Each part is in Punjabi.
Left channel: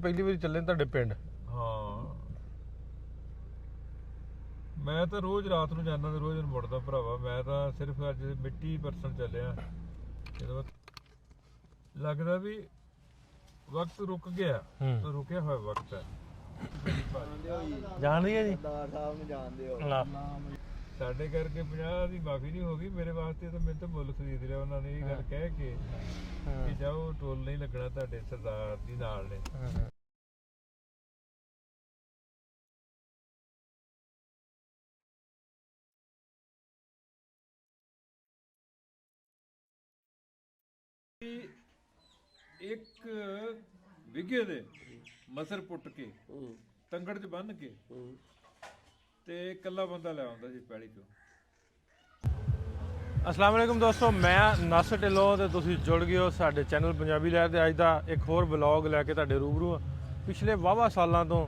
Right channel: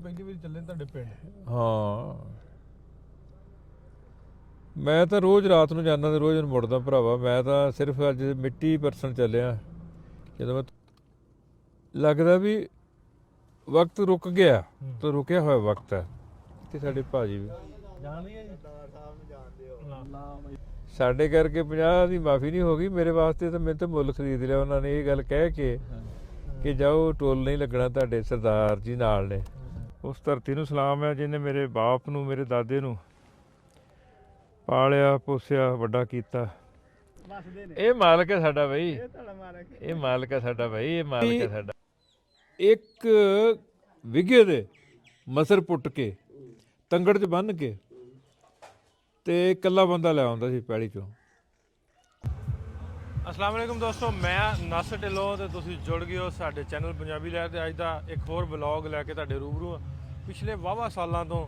ਪਹਿਲੀ ਵਾਰੀ ਚੱਲੇ ਤੁਹਾਡੇ ਪਿੰਡ? ਹਾਂ ਮੈਂ ਤਾਂ ਰੋਜ਼ ਰਾਤ ਨੂੰ ਜਾਂਦਾ ਤੇ ਰੋਜ਼ ਮੁੜਦਾ ਭਰਾਵਾ। ਮੈਂ ਤਾਂ ਸਿਰਫ ਅੱਜ ਮਿੱਟੀ ਪਰਸਨ ਚੱਲਿਆ ਜਦੋਂ ਮੈਂ ਲੱਗਦਾ ਵੀ ਵਕਤ ਰੁਕ ਗਿਆ ਤੇ ਰੁਕਿਆ ਹੋਇਆ ਵਕਤ ਹੈ। ਤੇ ਸਾਡੇ ਭਾਜੀ ਵੀ ਜਾਣਦੀ ਹੈ ਜੀ ਸਾਡੇ ਕਰਕੇ 50 ਦੀ ਮਾਫੀ ਨਹੀਂ ਹੋ ਗਈ ਮੇਰੇ ਵਾਸਤੇ। ਤਾਂ ਮੇਰੇ ਤੋਂ ਮੁੱਲ ਖਰੀਦ ਲਿਆ ਉਹਨਾਂ ਨੇ ਇਹ ਗੱਲ ਕਹਿ ਕੇ ਕਿ ਜਾਓ ਟੋਲ ਨਹੀਂ ਲੱਗਣਾ ਤੁਹਾਡੇ ਸਰਦਾਰ ਜੀ ਨਾਲ ਨੇ। ਉਸ ਧਰਤੀ ਨੂੰ ਸਲਾਮ ਹੈ ਜਿਹਨੇ ਮੇਰੇ ਬਾਪ ਨੂੰ ਮੇਰੇ ਦਾਦੇ ਨੂੰ ਪਾਲਿਆ ਪੋਸਿਆ ਵੱਡਾ ਕੀਤਾ। ਇਹ ਮਾਲਕ ਹੈ ਸਾਡਾ ਬਈ, ਇਹ ਮਾਲਕ ਹੈ ਸਾਡਾ ਬਈ, ਇਹ ਮਾਲਕ ਹੈ ਸਾਡਾ। ਇੱਕ ਵਿਗੇ ਦੇ ਮਸਰ ਪੁੱਟ ਕੇ ਤੰਗੜ 'ਚ ਬੰਨ੍ਹ ਕੇ ਤੇ ਇਕੱਲਾ ਬੰਦਾ ਲੈ ਆਉਂਦਾ ਸੀ ਪੈਲੀ 'ਚੋਂ। ਅਸਲਾਮ ਵਾਲੇਕੁਮ ਦੋਸਤੋ, ਮੈਂ ਨਾਸਰ ਢਿੱਲੋਂ ਤੇ ਤੁਸੀਂ ਜੁੜ ਗਏ ਹੋ ਸਾਡੇ ਚੈਨਲ ਪੰਜਾਬੀ ਲਹਿਰ ਤੇ। ਅੱਜ ਦਾ ਇੱਕ ਹੋਰ ਵਲੌਗ ਲੈ ਕੇ ਤੁਹਾਡੇ ਰੂਬਰੂ ਹਾਂ। ਪਿਛਲੇ ਵਾਹਵਾ ਸਾਲਾਂ ਤੋਂ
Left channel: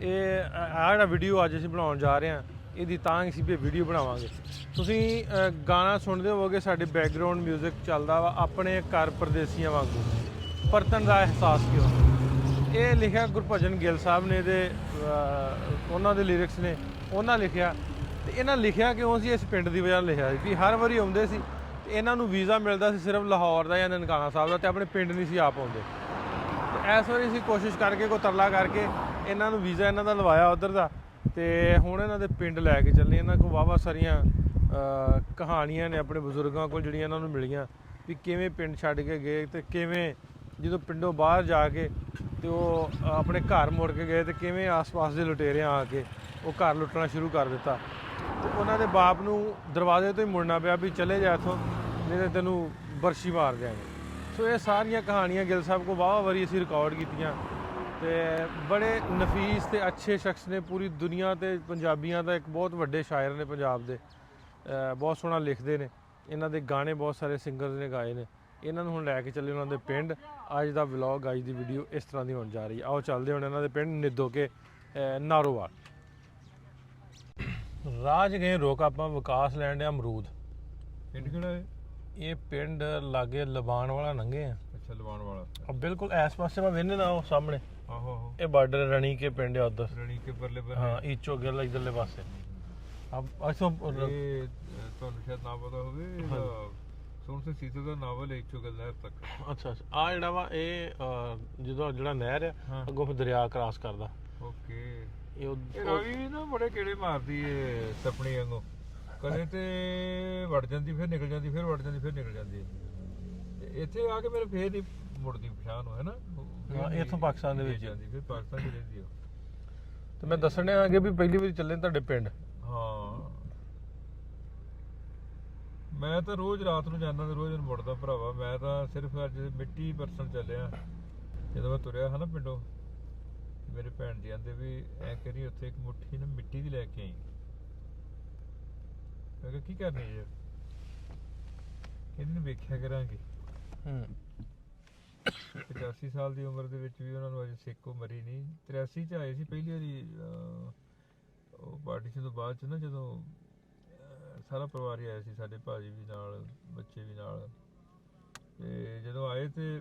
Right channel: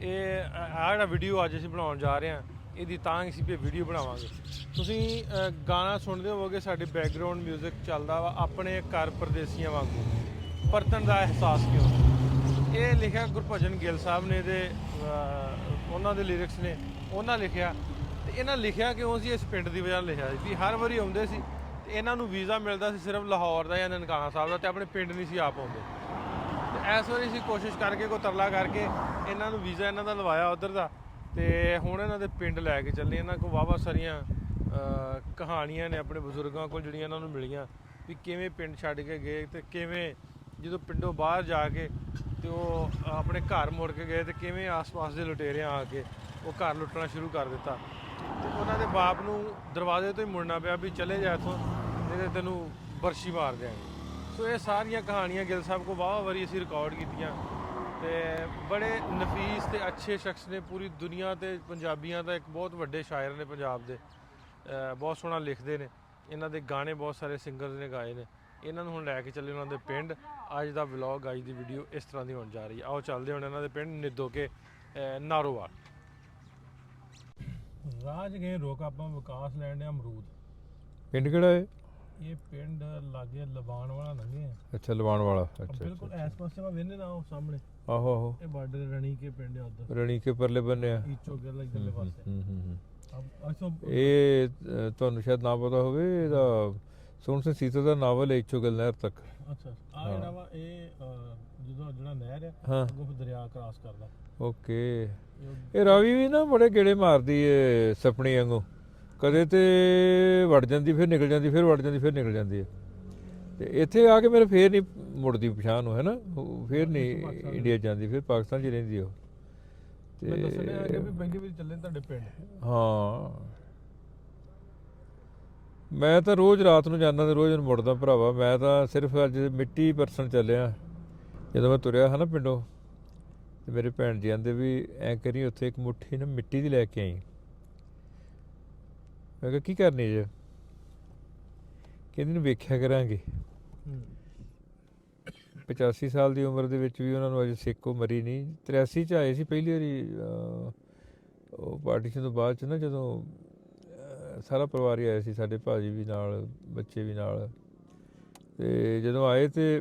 ਇਹ ਜਿਹੜਾ ਵੀਡੀਓ ਅੱਜ ਅਸੀਂ ਬਣਾਉਣ ਜਾ ਰਹੇ ਹਾਂ, ਇਹਦੀ ਤਾਂ ਹੀ ਅਸੀਂ ਵੀ ਵੀਡੀਓ ਬਣਾਵਾਂਗੇ। ਤੁਸੀਂ ਗਾਣਾ ਸੁਣਦੇ ਹੋਵੋਗੇ, ਸਾਡੇ ਬੈਕਗਰਾਊਂਡ ਮਿਊਜ਼ਿਕ ਚੱਲਦਾ ਵਾ ਆਪਣੇ ਘਰ ਪਰਦੇਸੀਆਂ ਵਾਂਗੂ, ਪਰਤਣ ਦਾ ਅਹਿਸਾਸ ਕਿਉਂ। ਇਹ ਲਿਖਿਆ ਗੁਰਭਜਨ ਗਿੱਲ ਸਾਹਿਬ ਨੇ ਤੇ ਉਹਨਾਂ ਦੇ ਲਿਰਿਕਸ ਨੇ, ਉਹਨਾਂ ਲਿਖਿਆ। ਤੇ ਇਹਨਾਂ ਲਿਖਿਆ ਕਿਉਂ ਸੀ? ਇਸ ਪਿੰਡ ਦੀ ਵਜ੍ਹਾ ਲਿਖਿਆ ਸੀ ਵੀ ਹਰ ਵਾਰੀ ਆਉਂਦੇ ਸੀ ਤੇ ਇਹਨਾਂ ਨੂੰ ਵੀਜ਼ਾ ਮਿਲਦਾ ਸੀ ਸਿਰਫ ਲਾਹੌਰ ਦਾ ਜਾਂ ਨਨਕਾਣਾ ਸਾਹਿਬ ਦਾ, ਤੇ ਆਪਣੇ ਪਿੰਡ ਨਹੀਂ ਸੀ ਆਪ ਆਉਂਦੇ। ਤੇ ਇਸ ਵਾਰੀ ਅਸੀਂ ਕੋਸ਼ਿਸ਼ ਕਰਕੇ ਕੋਈ ਤਰਲਾ ਕਰਕੇ ਇਹਨਾਂ ਨੂੰ ਵੀਜ਼ਾ ਇਹਨਾਂ ਦਾ ਲਵਾਇਆ ਉੱਧਰ ਦਾ, ਤੇ ਹੁਣ ਇਹਨਾਂ ਦੇ ਪਿੰਡ ਲੈ ਕੇ ਚੱਲੇ। ਇਹਨਾਂ ਕੋਲ ਵਾਹਵਾ ਸਾਰੀਆਂ ਕਹਾਣੀਆਂ ਨੇ ਆਪਣੇ ਬਜ਼ੁਰਗਾਂ ਕੋਲ ਜਿਹੜੀਆਂ ਇਹਨਾਂ ਨੂੰ ਮਿਲੀਆਂ ਵੀ ਕਿਵੇਂ ਪਿੰਡ ਛੱਡ ਕੇ ਗਏ ਤੇ ਕਿਵੇਂ ਜਦੋਂ ਪਿੰਡੋਂ ਬਾਹਰ ਜਾ ਕੇ ਤੇ ਉਹ ਆਪਣੇ ਘਰ ਮੁੜ ਕੇ ਗਏ ਤੇ ਕਿਵੇਂ ਆਸ-ਪਾਸ ਦੇ ਲੁਟੇਰਿਆਂ ਆ ਕੇ ਉਹ ਘਰ ਲੁੱਟਣਾ ਸ਼ੁਰੂ ਕਰ ਦਿੱਤਾ। ਤੇ ਉਹਨਾਂ ਦੇ ਬਾਪ ਨੂੰ ਦਰਵਾਜ਼ੇ ਤੋਂ ਹੀ ਮੁੜਨਾ ਪਿਆ ਵੀ ਚਲੇ ਜਾ ਇੱਥੋਂ, ਨਹੀਂ ਤਾਂ ਤੈਨੂੰ ਬਰਸ਼ੀ ਮਾਰ ਦਿਆਂਗੇ। ਸੋ ਇਹ ਸਾਰੀਆਂ ਕਹਾਣੀਆਂ ਗਿੱਲ ਸਾਹਿਬ ਕੋਲ ਵਾਹਵਾ ਵਾਰੀ ਅਸੀਂ ਰਿਕਾਰਡ ਕੀਤੀਆਂ ਤੇ ਬੜੇ ਨਫੀਸ ਤੇ ਅੱਛੇ ਸ਼ਖਸ ਨੇ ਪੂਰੀ ਦੁਨੀਆ ਤੇ। ਪੰਜਾਬੀਆਂ ਦਾ ਇੱਕ ਬਹੁਤ ਵੱਡੇ ਸ਼ਾਇਰ ਨੇ ਪੰਜਾਬ ਦੇ, ਬਹੁਤ ਸੋਹਣਾ ਲਿਖਦੇ ਨੇ। ਇਹਨਾਂ ਦੇ ਗਾਣੇ ਬਹੁਤ ਸਾਰੇ ਸਿੰਗਰਸ ਨੇ ਗਾਏ ਨੇ। ਇਹਨਾਂ ਨੂੰ ਹੁਣ ਲੈ ਕੇ ਚੱਲੇ ਉਹਨਾਂ ਦੇ ਪਿੰਡ। ਅੱਜ ਦਾ ਵਲੌਗ, ਅੱਜ ਦੀ ਵੀਡੀਓ ਇਸ ਤਰ੍ਹਾਂ ਦੀ ਹੋਣ ਜਾ ਰਹੀ ਹੈ। ਆਓ ਚੱਲਦੇ ਹੁਣ ਇਹਨਾਂ ਦੇ ਪਿੰਡ ਨਿੱਦੋ ਕੇ ਨਾਰੋਵਾਲ। ਰਾਜ ਗਏ ਰੋਕ ਆਪਾਂ ਵਿਕਾਸ ਲੈਣ ਡਿਆ ਅਮਰੂਦ। ਪਿੰਡ ਕਿਹੜਾ ਹੈ ਇਹ ਪਿੰਡ ਲਾਗੇ ਲਬਾਨ ਵਾਲਾ ਲੰਘੇ ਆ। ਅੱਛਾ ਲਵਾਣ ਵਾਲਾ। ਬਿਲਕੁਲ ਇਸ ਪਾਸੇ ਮੈਂ ਵੇਖਦੇ ਨਾ ਉਹ ਸਾਹਮਣੇ, ਆਹੋ ਆਹੋ ਇਹ ਬਾਰਡਰ ਰਣੀ ਕੇ ਪਿੰਡ ਆ ਉੱਧਰ, ਰਣੀ ਕੇ ਪਰਲੇ ਬੰਨੇ। ਈਚੋ ਗਿੱਲ ਇੱਧਰਲੇ ਪਾਸੇ। ਇਹ ਤੁਹਾਨੂੰ ਸ਼ਾਇਦ ਨਾ ਪਤਾ ਹੋਵੇ, ਇਹਦਾ ਸੋਹਣ ਸਿੰਘ ਸੀਤਾ ਦਾ ਨਾਵਲ ਹੈ ਇੱਛੋ ਗਿੱਲ ਨਹਿਰ ਤੱਕ। ਅੱਛਾ ਅੱਛਾ, ਆ ਜਿਹੜਾ ਵਾ ਇਹ ਜਦੋਂ ਜਿਹੜਾ ਨਹਿਰ ਆ ਅੱਗੋਂ ਫਿਰ ਦਰਿਆ ਕ੍ਰਾਸ ਕਰਦਾ। ਓਕੇ। ਇਹ ਰਾਵੀ ਵੀ ਨਾ ਬੜੇ ਗੇੜੇ ਮਾਰਦੀ ਏ ਸਪਣੀ ਵਾਂਗੂ, ਕਦੇ ਤੇ ਵੜ ਜਾਂਦੀ ਫਿਰ ਨਿਕਲ ਜਾਂਦੀ, ਫਿਰ ਵੜ ਜਾਂਦੀ ਫਿਰ ਨਿਕਲ ਜਾਂਦੀ ਹੈ। ਤੇ ਇੱਥੇ ਆ ਕੇ ਮੇਰੇ ਫੇਰ ਨਹੀਂ ਮੁੜਦੀ ਪਛਾਣ ਨੂੰ, ਹੈ ਨਾ, ਫਿਰ ਨਹੀਂ ਇੰਡੀਆ ਜਾਂਦੀ, ਫਿਰ ਪਾਕਿਸਤਾਨ 'ਚ ਰਹਿੰਦੀ ਉਹ। ਮੈਂ ਦੱਸਣੇ ਆਗੇ ਵੀ ਪਹਿਲੀ ਵਾਰੀ ਚੱਲੇ ਤੁਹਾਡੇ ਪਿੰਡ। ਹਾਂ ਮੈਂ ਤਾਂ ਰੋਜ਼ ਰਾਤ ਨੂੰ ਜਾਂਦਾ ਤੇ ਰੋਜ਼ ਮੁੜਦਾ ਭਰਾਵਾ। ਮੈਂ ਤਾਂ ਸਿਰਫ ਅੱਜ ਮਿੱਟੀ ਪਰਸਨ ਚੱਲਿਆ ਜਦੋਂ ਮੈਂ ਤੁਰਿਆ ਹਾਂ ਨਾ ਪਿੰਡੋਂ। ਤੇ ਮੇਰੇ ਭੈਣ ਜੀ ਆਂਦੇ ਵੀ ਐਂ ਕਰੀ ਉੱਥੇ ਇੱਕ ਮੁੱਠੀ ਨਾ ਮਿੱਟੀ ਦੀ ਲੈ ਕੇ ਆਈ। ਮੈਂ ਕਿਹਾ ਕੀ ਕਰਨੀ ਜੇ? ਕਹਿੰਦੀ ਨੂੰ ਵੇਖਿਆ ਕਰਾਂਗੇ। 85 ਸਾਲ ਦੀ ਉਮਰ ਦੇ ਵਿੱਚ ਵੀ ਉਹਨਾਂ ਨੂੰ ਅਜੇ ਸਿੱਕੋ ਮਰੀ ਨਹੀਂ। 83 'ਚ ਆਏ ਸੀ ਪਹਿਲੀ ਵਾਰੀ ਉਹ ਪਾਰਟੀਸ਼ਨ ਤੋਂ ਬਾਅਦ 'ਚ ਨਾ, ਜਦੋਂ ਸਾਰਾ ਪਰਿਵਾਰ ਹੀ ਆਇਆ ਸੀ, ਸਾਡੇ ਭਾਜੀ ਵੀ ਨਾਲ, ਬੱਚੇ ਵੀ ਨਾਲ। ਤੇ ਜਦੋਂ ਆਏ ਤੇ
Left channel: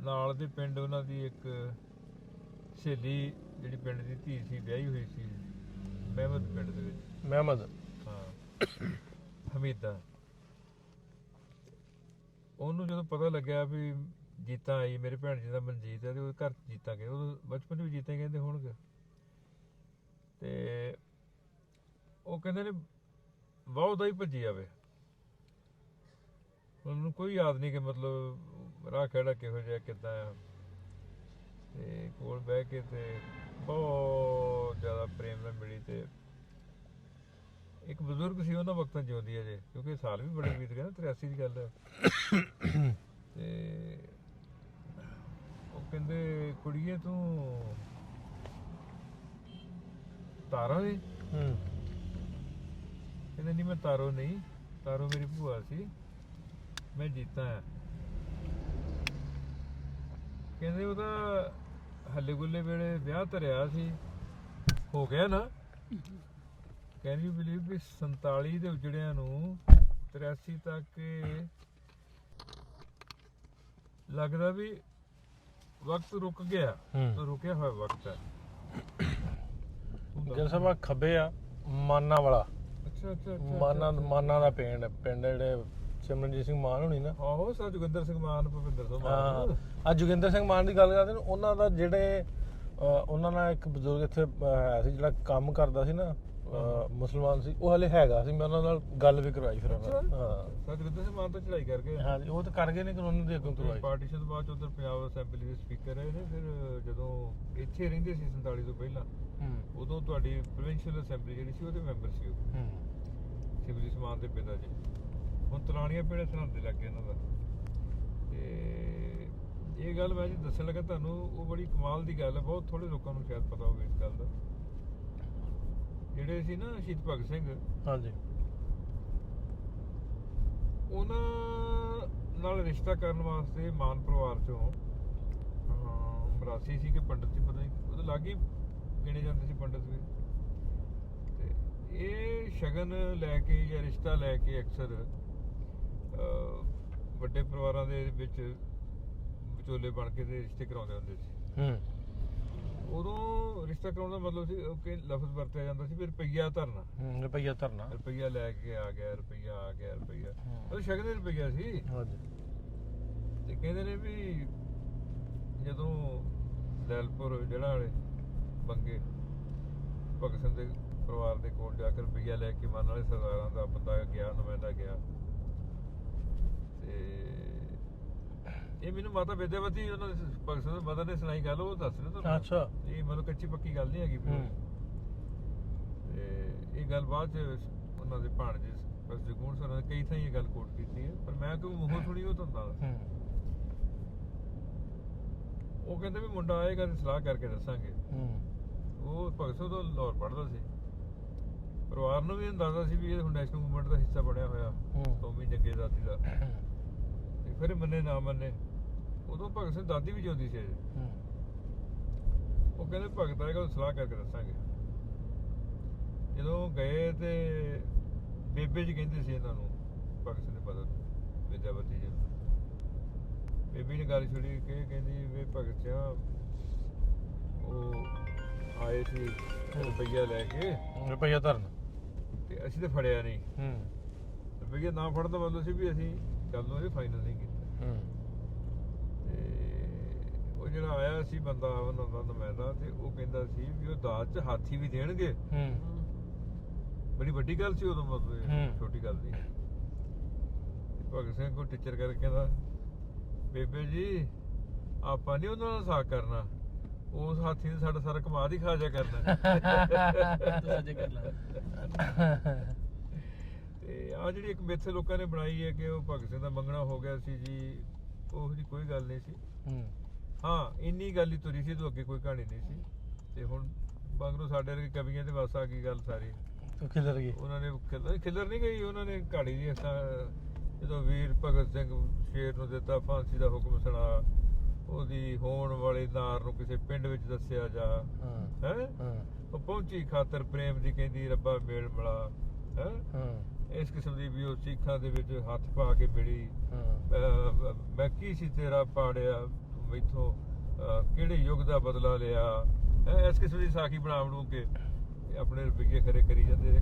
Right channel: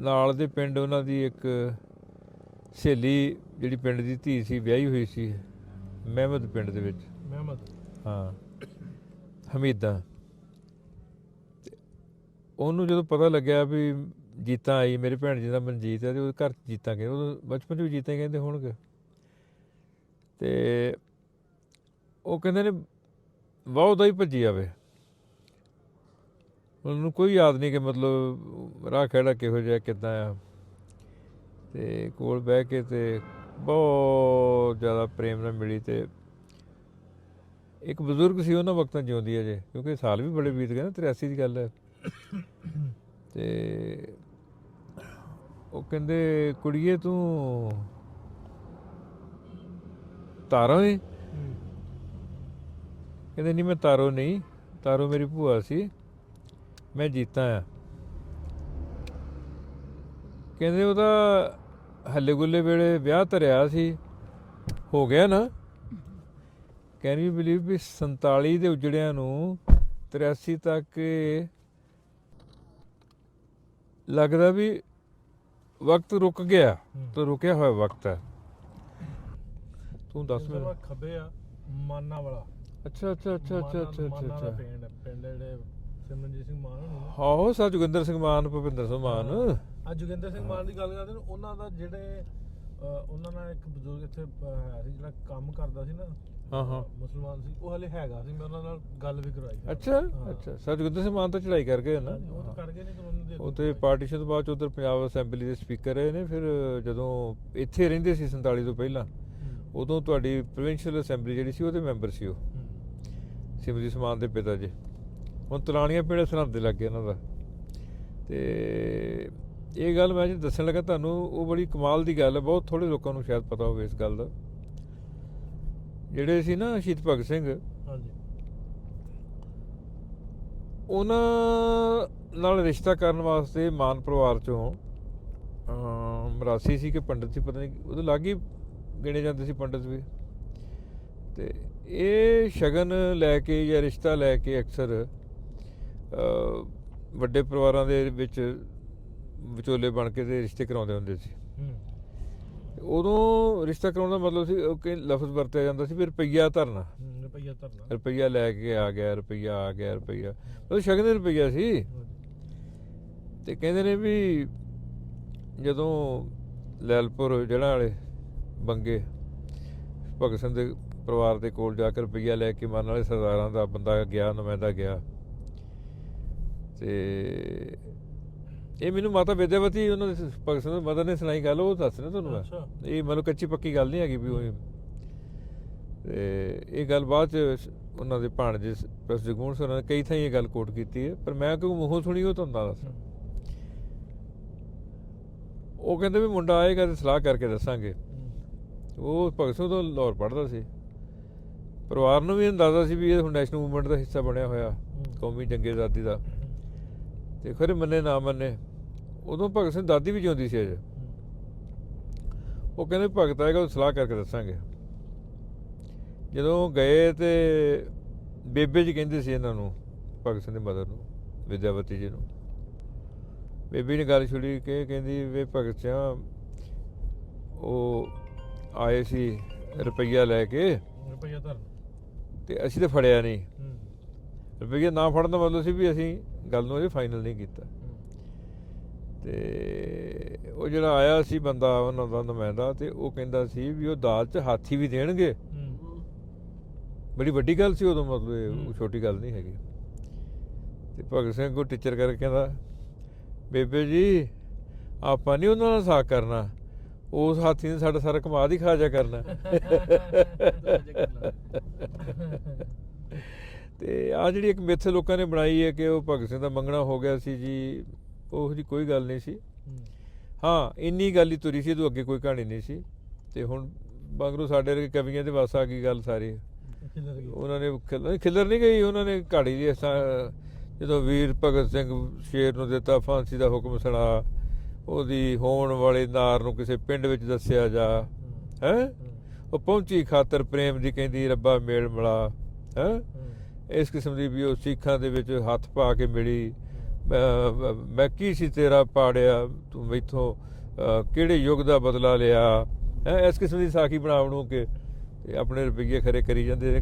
ਨਾਲ ਦੇ ਪਿੰਡ ਉਹਨਾਂ ਦੀ ਇੱਕ ਸਹੇਲੀ ਜਿਹੜੀ ਪਿੰਡ ਦੀ ਧੀ ਸੀ, ਵਿਆਹੀ ਹੋਈ ਸੀ ਮਹਿਮਦ ਪਿੰਡ ਦੇ ਵਿੱਚ। ਮਹਿਮਦ? ਹਾਂ, ਹਮੀਦਾ। ਉਹਨੂੰ ਜਦੋਂ ਪਤਾ ਲੱਗਿਆ ਵੀ ਜੀਤਾ ਆਈ, ਮੇਰੇ ਭੈਣ ਜੀ ਦਾ ਮਨਜੀਤ ਹੈ, ਤੇ ਉਹਦੇ ਘਰ ਜੀਤਾ ਗਏ। ਉਦੋਂ ਬਚਪਨ 'ਚ ਵੀ ਜੀਤਾ ਹੀ ਕਹਿੰਦੇ ਹੋਣਗੇ। ਤੇ ਉਹ ਕਹਿੰਦੇ ਨੇ ਵਾਹ ਉਹਦਾ ਹੀ ਭੱਜੀ ਆਵੇ। ਉਹਨੂੰ ਕੋਈ ਯਾਦ ਨਹੀਂ ਕਿ ਮਤਲਬ ਰਾਹ ਖਹਿੜਾ ਕਿਹੋ ਜਿਹਾ ਕਿੱਦਾਂ ਆ। ਤੇ ਕੋਲ ਬਹਿ ਕੇ ਤੇ ਬਹੁਤ ਜ਼ਿਆਦਾ ਪ੍ਰੇਮ ਨਾਲ ਮਿਲੀ। ਤੇ ਇੱਕ ਬਜ਼ੁਰਗ ਸੀ, ਉਹਨਾਂ ਵਕਤਾਂ ਜਿਉਂਦੀ ਹੈ ਜੇ, ਕਿਉਂਕਿ ਸਾਲ ਵੀ ਬੜੇ ਬੀਤ ਗਏ ਨਾ, 83 ਦੀ ਗੱਲ ਹੈ। ਤੇ ਉਹ ਕਹਿੰਦੇ ਕੁੜੀਏ ਤੂੰ ਤਾਰੋ ਏ? ਕਹਿੰਦੇ ਨਹੀਂ ਮੈਂ ਤਾਰੋ ਨਹੀਂ, ਤਾਰੋ ਮੇਰੀ ਭੂਆ ਸੀ, ਮੈਂ ਜੀਤਾ ਆ। ਕਹਿੰਦੇ ਉਹਦਾ ਹੱਲੇ ਗੁੱਲੇ ਵੇਲੇ ਵਿਆਹ ਧਰਿਆ ਸੀ, ਹੋ ਗਿਆ ਨਾ। ਕੈਨ ਯੂ ਬਿਲੀਵ ਵੀ 47 ਦੇ ਉਜੜਿਆਂ ਨੂੰ 83 ਤੱਕ ਲੱਗਦਾ ਵੀ ਵਕਤ ਰੁਕ ਗਿਆ ਹੂੰ। ਤੇ ਰੁਕਿਆ ਹੋਇਆ ਵਕਤ ਹੈ। ਤੂੰ ਦੱਸ। ਜਿਵੇਂ ਸਭਾ ਖੱਬੇ ਆ ਮਾਨਾ ਵਾਲਾ ਅੱਛਾ ਅੱਛਾ ਅੱਛਾ ਮਾਨਾ ਅੱਛਾ ਮਾਨਾ ਦਾ ਪਿੰਡ ਜਿਹੜੇ ਸਿਮਰਨਜੀਤ ਸਿੰਘ ਮਾਨ ਹੋਣੀ ਨਾ ਆਹੋ ਸਰ ਜੋਗਿੰਦਰ ਸਿੰਘ ਮਾਨ ਭੁਪਿੰਦਰ ਸਿੰਘ ਮਾਨ। ਅੱਜ ਜੋਗਿੰਦਰ ਸਿੰਘ ਮਾਨ ਦੀ ਗੱਲ ਕਰਦੇ ਨੇ ਉਹਨਾਂ ਦਾ ਜਿਹੜੇ ਉਹਨਾਂ ਨਾਲ ਇੱਕ ਬਜ਼ੁਰਗ ਇੱਥੇ ਹੈ ਸੀ ਜਿਹੜਾ ਕੰਮ ਕਰਦਾ ਸੀ ਨਾ ਮੁਸਲਮਾਨ ਸੀ ਉਹ ਹਲੇ ਹੈਗਾ ਸੀ ਮੈਂ ਉਹਨਾਂ ਨਾਲ ਗੱਲ ਵੀ ਕਰਵਾਈ ਫਿਰ ਅੱਛਾ ਅੱਛਾ ਸਰ ਜੋਗਿੰਦਰ ਸਿੰਘ ਮਾਨ ਤਾਂ ਚੜਾਈ ਕਰ ਗਏ ਨਾ। ਹਾਂਜੀ ਉਹ ਤਾਂ ਕਰ ਗਏ ਨੇ ਕਾਨੂੰਨ ਦੇ ਉਹ ਤੇ ਪਾਰਟੀਸ਼ਨ ਤੋਂ ਬਾਅਦ 'ਚ ਉੱਧਰ ਪੰਜਾਬ ਅਸੈਂਬਲੀ ਦੇ ਸਪੀਕਰ ਰਹੇ ਨੇ। ਫਿਰ ਜਦੋਂ ਇੱਥੇ ਰਹਿੰਦੇ ਸੀ 47 ਤੋਂ ਪਹਿਲਾਂ ਉਦੋਂ ਤੁਹਾਡੀ ਪ੍ਰੋਵਿੰਸ਼ੀਅਲ ਅਸੈਂਬਲੀ ਜਿਹੜੀ ਸੀ ਉਹਦੇ ਮੈਂਬਰ ਸੀ ਉਹ ਸਿਮਰਜੀਤ ਮਾਨ ਦੇ ਪਿਤਾ ਜੀ। ਹੁਣ ਤਲਾਣੀਆਂ ਪਿੰਡ ਸਰਹੰਦ ਦੇ ਲੱਗੇ ਉਹਨਾਂ ਦਾ। ਤੇ ਇਹ ਗੱਲ ਮੈਂ ਜੀ ਦੱਸਣ ਲੱਗਾ ਤੁਹਾਨੂੰ ਉਹ ਬੜੀ ਕਮਾਲ ਦੀ ਗੱਲ ਹੈ। ਬਹੁਤ ਥੋੜੇ ਲੋਕਾਂ ਨੂੰ ਸ਼ਾਇਦ ਪਤਾ ਹੋਵੇ ਇਸ ਗੱਲ ਦਾ। ਜਿਹੜੇ ਸੀ ਨਾ ਸ਼ਹੀਦ ਭਗਤ ਸਿੰਘ ਹਾਂਜੀ ਉਹਨਾਂ ਨਾਲ ਰਿਸ਼ਤਾ ਕਰਨ ਵਾਸਤੇ ਮਾਨ ਪਰਿਵਾਰ ਚੋਂ ਮਰਾਸੀ ਸੀ ਕਿ ਪੰਡਤ ਸੀ ਪਤਾ ਨਹੀਂ ਉਹਦੇ ਲਾਗੇ ਗਿਣੇ ਜਾਂਦੇ ਸੀ ਪੰਡਤ ਵੀ। ਤੇ ਇਹ ਸ਼ਗਨ ਲੈ ਕੇ ਜਾਂ ਰਿਸ਼ਤਾ ਲੈ ਕੇ ਅਕਸਰ ਵੱਡੇ ਪਰਿਵਾਰਾਂ ਦੇ ਵਿੱਚ ਵਿਚੋਲੇ ਬਣ ਕੇ ਤੇ ਰਿਸ਼ਤੇ ਕਰਾਉਂਦੇ ਹੁੰਦੇ ਸੀ। ਉਦੋਂ ਰਿਸ਼ਤਾ ਕਰਾਉਣ ਦਾ ਮਤਲਬ ਸੀ ਕਿ ਲਫ਼ਜ਼ ਵਰਤਿਆ ਜਾਂਦਾ ਸੀ ਵੀ ਰੁਪਈਆ ਧਰਨਾ। ਰੁਪਈਆ ਧਰਨਾ ਰੁਪਈਆ ਲੈ ਕੇ ਆ ਗਿਆ ਰੁਪਈਆ ਆ ਗਿਆ ਰੁਪਈਆ ਉਹ ਸ਼ਗਨ ਦੇ ਰੁਪਈਆ ਸੀ। ਤੇ ਕਹਿੰਦੇ ਨੇ ਵੀ ਜਦੋਂ ਲੈਲਪੁਰ ਜਿਹੜਾ ਵਾਲੇ ਬੰਗੇ ਭਗਤ ਸਿੰਘ ਦੇ ਪਰਿਵਾਰ ਦੇ ਕੋਲ ਜਾ ਕੇ ਰੁਪਈਆ ਲੈ ਕੇ ਮਰਨ ਵਾਲੇ ਸਰਦਾਰਾਂ ਦਾ ਬੰਦਾ ਗਿਆ ਨੁਮਾਇੰਦਾ ਗਿਆ। ਤੇ ਇਹ ਮੈਨੂੰ ਮਾਤਾ ਵਿਦਿਆਵਤੀ ਉਹਨਾਂ ਦੇ ਭਗਤ ਸਿੰਘ ਮਦਰ ਨੇ ਸੁਣਾਈ ਗੱਲ ਉਹ ਦੱਸ ਰਿਹਾ ਤੁਹਾਨੂੰ। ਅੱਛਾ ਇਹ ਮਤਲਬ ਕੱਚੀ ਪੱਕੀ ਗੱਲ ਨਹੀਂ ਹੈਗੀ ਵੀ ਉਹ। ਤੇ ਇਹ ਗੱਲ ਬਾਅਦ ਚ ਉਹਨਾਂ ਦੇ ਭਾਣਜੇ ਪ੍ਰੋਫੈਸਰ ਜਗਮੋਹਨ ਸਰ ਨੇ ਕਈ ਥਾਈਂ ਇਹ ਗੱਲ ਕੋਟ ਕੀਤੀ ਹੈ ਪਰ ਮੈਂ ਕਿਉਂ ਮੂੰਹੋਂ ਸੁਣੀ ਉਹ ਤੁਹਾਨੂੰ ਦੱਸ। ਉਹ ਕਹਿੰਦੇ ਵੀ ਮੁੰਡਾ ਆਏਗਾ ਤੇ ਸਲਾਹ ਕਰਕੇ ਦੱਸਾਂਗੇ। ਉਹ ਭਗਤ ਸਿੰਘ ਤੋਂ ਲਾਹੌਰ ਪੜ੍ਹਦਾ ਸੀ। ਪਰਿਵਾਰ ਨੂੰ ਵੀ ਅੰਦਾਜ਼ਾ ਸੀ ਵੀ ਇਹ ਹੁਣ ਨੈਸ਼ਨਲ ਮੂਵਮੈਂਟ ਦਾ ਹਿੱਸਾ ਬਣਿਆ ਹੋਇਆ ਕੌਮੀ ਜੰਗੇ ਆਜ਼ਾਦੀ ਦਾ। ਤੇ ਖਰੇ ਮੰਨੇ ਨਾ ਮੰਨੇ ਉਦੋਂ ਭਗਤ ਸਿੰਘ ਦਾਦੀ ਵੀ ਜਿਉਂਦੀ ਸੀ ਅਜੇ। ਉਹ ਕਹਿੰਦੇ ਭਗਤ ਆਏਗਾ ਉਹ ਸਲਾਹ ਕਰਕੇ ਦੱਸਾਂਗੇ। ਜਦੋਂ ਗਏ ਤੇ ਬੇਬੇ ਜੀ ਕਹਿੰਦੇ ਸੀ ਇਹਨਾਂ ਨੂੰ ਭਗਤ ਸਿੰਘ ਦੀ ਮਦਰ ਨੂੰ ਵਿਦਿਆਵਤੀ ਜੀ ਨੂੰ। ਬੇਬੀ ਨੇ ਗੱਲ ਛੁੜੀ ਕਿ ਕਹਿੰਦੀ ਵੇ ਭਗਤ ਸਿੰਘ ਉਹ ਆਏ ਸੀ ਰੁਪਈਆ ਲੈ ਕੇ ਰੁਪਈਆ ਧਰਨ ਤੇ ਅਸੀਂ ਤਾਂ ਫੜਿਆ ਨਹੀਂ। ਰੁਪਈਆ ਨਾ ਫੜਨ ਦਾ ਮਤਲਬ ਸੀ ਵੀ ਅਸੀਂ ਗੱਲ ਨੂੰ ਇਹ ਫਾਈਨਲ ਨਹੀਂ ਕੀਤਾ। ਤੇ ਉਹ ਜਿਹੜਾ ਆਇਆ ਸੀ ਬੰਦਾ ਉਹਨਾਂ ਦਾ ਨੁਮਾਇੰਦਾ ਤੇ ਉਹ ਕਹਿੰਦਾ ਸੀ ਵੀ ਉਹ ਦਾਜ 'ਚ ਹਾਥੀ ਵੀ ਦੇਣਗੇ। ਬੜੀ ਵੱਡੀ ਗੱਲ ਸੀ ਉਦੋਂ ਮਤਲਬ ਛੋਟੀ ਗੱਲ ਨਹੀਂ ਹੈਗੀ। ਤੇ ਭਗਤ ਸਿੰਘ ਕੋ ਟੀਚਰ ਕਰਕੇ ਕਹਿੰਦਾ ਬੇਬੇ ਜੀ ਆਪਾਂ ਨਹੀਂ ਉਹਨਾਂ ਨਾਲ ਸਾਕ ਕਰਨਾ ਉਸ ਹਾਥੀ ਨੇ ਸਾਡਾ ਸਾਰਾ ਕਮਾਦ ਹੀ ਖਾ ਜਾ ਕਰਨਾ। ਤੇ ਆ ਜਿਹੜੀ ਇੱਕ ਮਿੱਥ ਲੋਕਾਂ ਨੇ ਬਣਾਈ ਹੈ ਕਿ ਉਹ ਭਗਤ ਸਿੰਘ ਦਾ ਮੰਗਣਾ ਹੋ ਗਿਆ ਸੀ ਜੀ ਉਹ ਜੀ ਕੋਈ ਗੱਲ ਨਹੀਂ ਸੀ। ਹਾਂ ਇੰਨੀ ਗੱਲ ਹੀ ਤੁਰੀ ਸੀ ਇਹਦੋਂ ਅੱਗੇ ਕੋਈ ਕਹਾਣੀ ਨਹੀਂ ਸੀ। ਤੇ ਹੁਣ ਮਗਰੋਂ ਸਾਡੇ ਵਰਗੇ ਕਵੀਆਂ ਦੇ ਵੱਸ ਆ ਗਈ ਗੱਲ ਸਾਰੀ। ਉਹਨਾਂ ਨੇ ਖਿਲਰ ਨਹੀਂ ਗਈ ਉਹਨਾਂ ਨੇ ਘਾੜੀ ਦੀ ਜਦੋਂ ਵੀਰ ਭਗਤ ਸਿੰਘ ਸ਼ੇਰ ਨੂੰ ਦਿੱਤਾ ਫਾਂਸੀ ਦਾ ਹੁਕਮ ਸੁਣਾ ਉਹਦੀ ਹੋਣ ਵਾਲੇ ਨਾਰ ਨੂੰ ਕਿਸੇ ਪਿੰਡ ਵਿੱਚ ਦੱਸਿਆ ਜਾ ਹੈ ਉਹ ਪਹੁੰਚੀ ਖਾਤਰ ਪ੍ਰੇਮ ਦੀ ਕਹਿੰਦੀ ਰੱਬਾ ਮੇਲ ਮਿਲਾ ਹੈ। ਇਸ ਕਿਸਮ ਦੀ ਵੀ ਉਹ ਸਿੱਖਾਂ ਦੇ ਵਿੱਚ ਹੱਥ ਪਾ ਕੇ ਮਿਲੀ। ਮੈਂ ਕੀ ਸੀ ਤੇਰਾ ਪਾੜਿਆ ਤੂੰ ਮੈਥੋਂ ਕਿਹੜੇ ਯੁੱਗ ਦਾ ਬਦਲਾ ਲਿਆ ਹੈ। ਇਸ ਕਿਸਮ ਦੀ ਸਾਖੀ ਬਣਾ ਬਣੂ ਕੇ ਆਪਣੇ ਰੁਪਈਏ ਖਰੇ ਕਰੀ ਜਾਂਦੇ।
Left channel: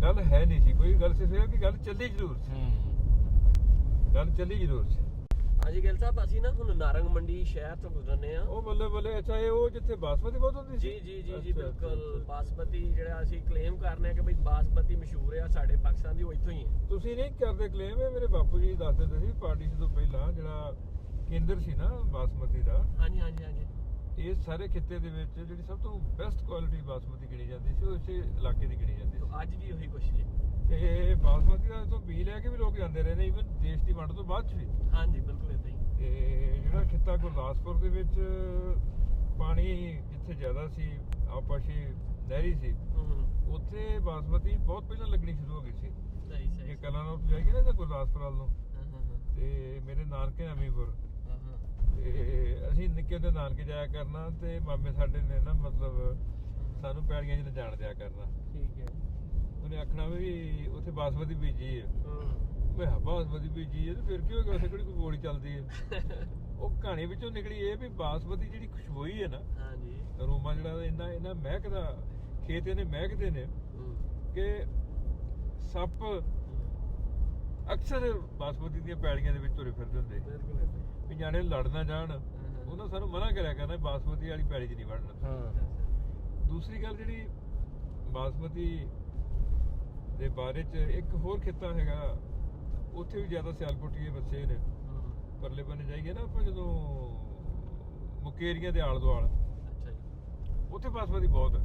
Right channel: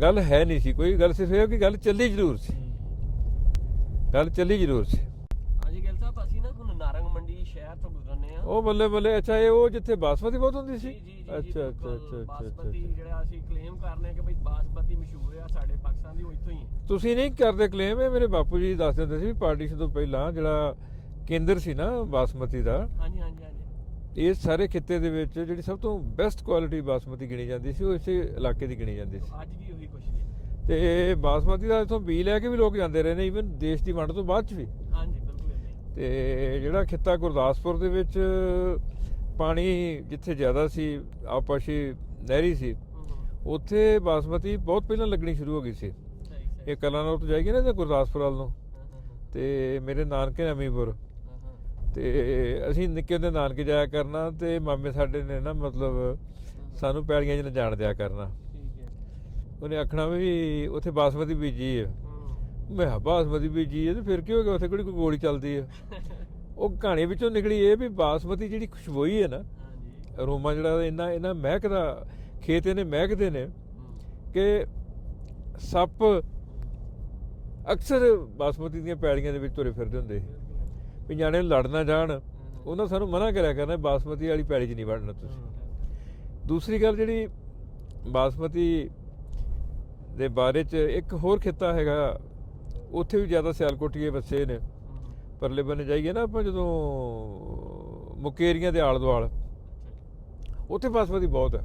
ਗੱਲ ਹੈ ਨਹੀਂ ਸੀ ਕੋਈ ਗੱਲ ਸਿਰਫ ਇਹ ਕਿ ਗੱਲ ਚੱਲੀ ਜ਼ਰੂਰ ਸੀ। ਗੱਲ ਚੱਲੀ ਜ਼ਰੂਰ ਸੀ। ਹਾਂਜੀ ਗਿੱਲ ਸਾਹਿਬ ਅਸੀਂ ਨਾ ਹੁਣ ਨਾਰੰਗ ਮੰਡੀ ਸ਼ਹਿਰ ਤੋਂ ਗੁਜ਼ਰਨੇ ਆ। ਉਹ ਬੱਲੇ ਬੱਲੇ ਅੱਛਾ ਇਹ ਉਹ ਜਿੱਥੇ ਬਾਸਮਤੀ ਬਹੁਤ ਹੁੰਦੀ ਸੀ। ਜੀ ਬਿਲਕੁਲ ਬਾਸਮਤੀ ਜਿਹੜਾ ਅਸੀਂ ਕਲੇਮ ਕਰਨੇ ਆ ਕਿ ਬਈ ਬਾਸਮਤੀ ਮਸ਼ਹੂਰ ਆ ਸਾਡੇ ਪਾਕਿਸਤਾਨ ਦੀ ਉਹ ਇੱਥੋਂ ਹੀ ਹੈ। ਤੁਸੀਂ ਨਹੀਂ ਕਰਦੇ ਕਲੇਮ ਇਹ ਮੇਰੇ ਬਾਪੂ ਜੀ ਦੱਸਦੇ ਹੁੰਦੇ ਸੀ ਪਾਰਟੀਸ਼ਨ ਤੋਂ ਪਹਿਲਾਂ ਜਿਹੜਾ ਕੇਂਦਰ ਸੀ ਨਾ ਬਾਸਮਤੀ ਦਾ। ਹਾਂਜੀ ਹਾਂਜੀ ਹਾਂਜੀ ਇਸ ਸਾਰੇ ਖਿੱਤੇ ਦੇ ਵਿੱਚ ਜਿਹੜੀ ਸਭ ਤੋਂ ਬੈਸਟ ਕੁਆਲਿਟੀ ਬਾਸਮਤੀ ਗਿਣੀ ਜਾਂਦੀ ਸੀ ਉਹ ਇਸੇ ਇਲਾਕੇ ਦੀ ਗਿਣੀ ਜਾਂਦੀ ਸੀ। ਅੱਜ ਵੀ ਉਹੀ ਕੁਛ ਜੀ। ਤੇ ਬਾਸਮਤੀ ਦਾ ਇਥੋਂ ਬੀ ਲੈ ਕੇ ਵੀ ਲੋਕ ਜਾਂਦੇ ਰਹੇ ਨੇ ਈਵਨ ਦੇਸ਼ ਦੀ ਵੰਡ ਤੋਂ ਬਾਅਦ ਚ ਵੀ। ਹਾਂਜੀ ਬਿਲਕੁਲ ਇਦਾਂ ਹੀ। ਤੇ ਜਿਹੜਾ ਖਿੱਤਾ ਗੁਰਦਾਸਪੁਰ ਦੇ ਵਿੱਚ ਪਾਣੀ ਜਿੱਥੇ ਜ਼ਿਆਦਾ ਸੀ ਆਪਸੀ ਨਹਿਰੀ ਸੀ ਉੱਥੇ ਬਾਸਮਤੀ ਬਹੁਤ ਪਹਿਲਾਂ ਲੱਗਣੀ ਸ਼ੁਰੂ ਹੋ ਗਈ ਸੀ। ਇਹ ਕਲਾਨੌਰ ਤੋਂ ਜਾਏਗੀ ਨਾ ਤੇ ਗੁਰਦਾਸਪੁਰ ਵੱਲ ਨੂੰ ਤੇ ਮੇਰੇ ਨਾਨਕੇ ਅਮੀਪੁਰ ਤੇ ਅਸੀਂ ਨਿੱਕੇ ਹੁੰਦੇ ਨਾਨਕੇ ਜਾਇਆ ਕਰਨਾ ਤੇ ਮਾਮੇ ਸਾਡੇ ਨੇ ਨਾ ਮਤਲਬ ਸਾਨੂੰ ਪੈਲੀਆਂ 'ਚ ਜਾਣ ਦਿਆ ਕਰਨਾ। ਉਹਨੇ ਆਖਣਾ ਵੀ ਉੱਥੇ ਬਾਸਮਤੀ ਬੀਜੀ ਹੈ। ਮੈਂ ਕਿਹਾ ਬਾਸਮਤੀ ਬੀਜੀ ਹੈ ਤੇ ਫਿਰ ਕੀ ਹੋ ਗਿਆ ਉੱਥੇ ਕਿਹੜੀ ਕੋਈ ਗੋਲੀ ਚੱਲਦੀ ਹੈ। ਉਹ ਕਹਾਣੀ ਵਿੱਚੋਂ ਨਿਕਲੀ ਇਹ ਵੀ ਬਾਸਮਤੀ ਜਿਹੜੀ ਖੁਸ਼ਬੋਈ ਹੈ ਨਾ, ਹਾਂਜੀ ਅਰੋਮਾ ਜਿਹੜਾ ਇਹਨਾਂ ਮਹਿਕਦਾ, ਖੇਤ ਇਹਨੇ ਮਹਿਕਦੇ ਨੇ ਕਿ ਸੱਪ ਅਕਸਰ ਬਾਸਮਤੀ ਦੀਆਂ ਪੈਲੀਆਂ ਦੇ ਵਿੱਚ ਤੁਰੇ ਫਿਰਦੇ ਹੁੰਦੇ ਵੀ ਨਿਆਣੇ ਲੜ ਨਾ ਜਾਣ, ਉਹਨਾਂ ਸਾਨੂੰ ਮਨਾ ਕਰਿਆ ਕਰਨਾ ਬਾਸਮਤੀ ਵਾਲੀ ਪੈਲੀ 'ਚ ਨਹੀਂ ਵੜਨਾ ਤੁਸੀਂ। ਦੂਸਰੀ ਗੱਲ ਜਿਹੜੀ ਬਾਸਮਤੀ ਦੇ ਬਾਰੇ 'ਚ ਇੱਕ ਹੋਰ ਖਿੱਤਾ ਹੈਗਾ, ਉੱਥੇ ਵੀ ਜ਼ਿਆਦਾ ਸਿਆਲਕੋਟੀਏ ਵਸੇ ਨੇ, ਪਰਲੇ ਬੰਨੇ ਜਾਈਏ ਨਾ ਆਪਾਂ ਜਦੋਂ ਮੁਕੇਰੀਆਂ ਦੇ ਆਲੇ ਦੁਆਲ, ਉੱਥੇ ਬਾਸਮਤੀ ਬਹੁਤ ਹੈ।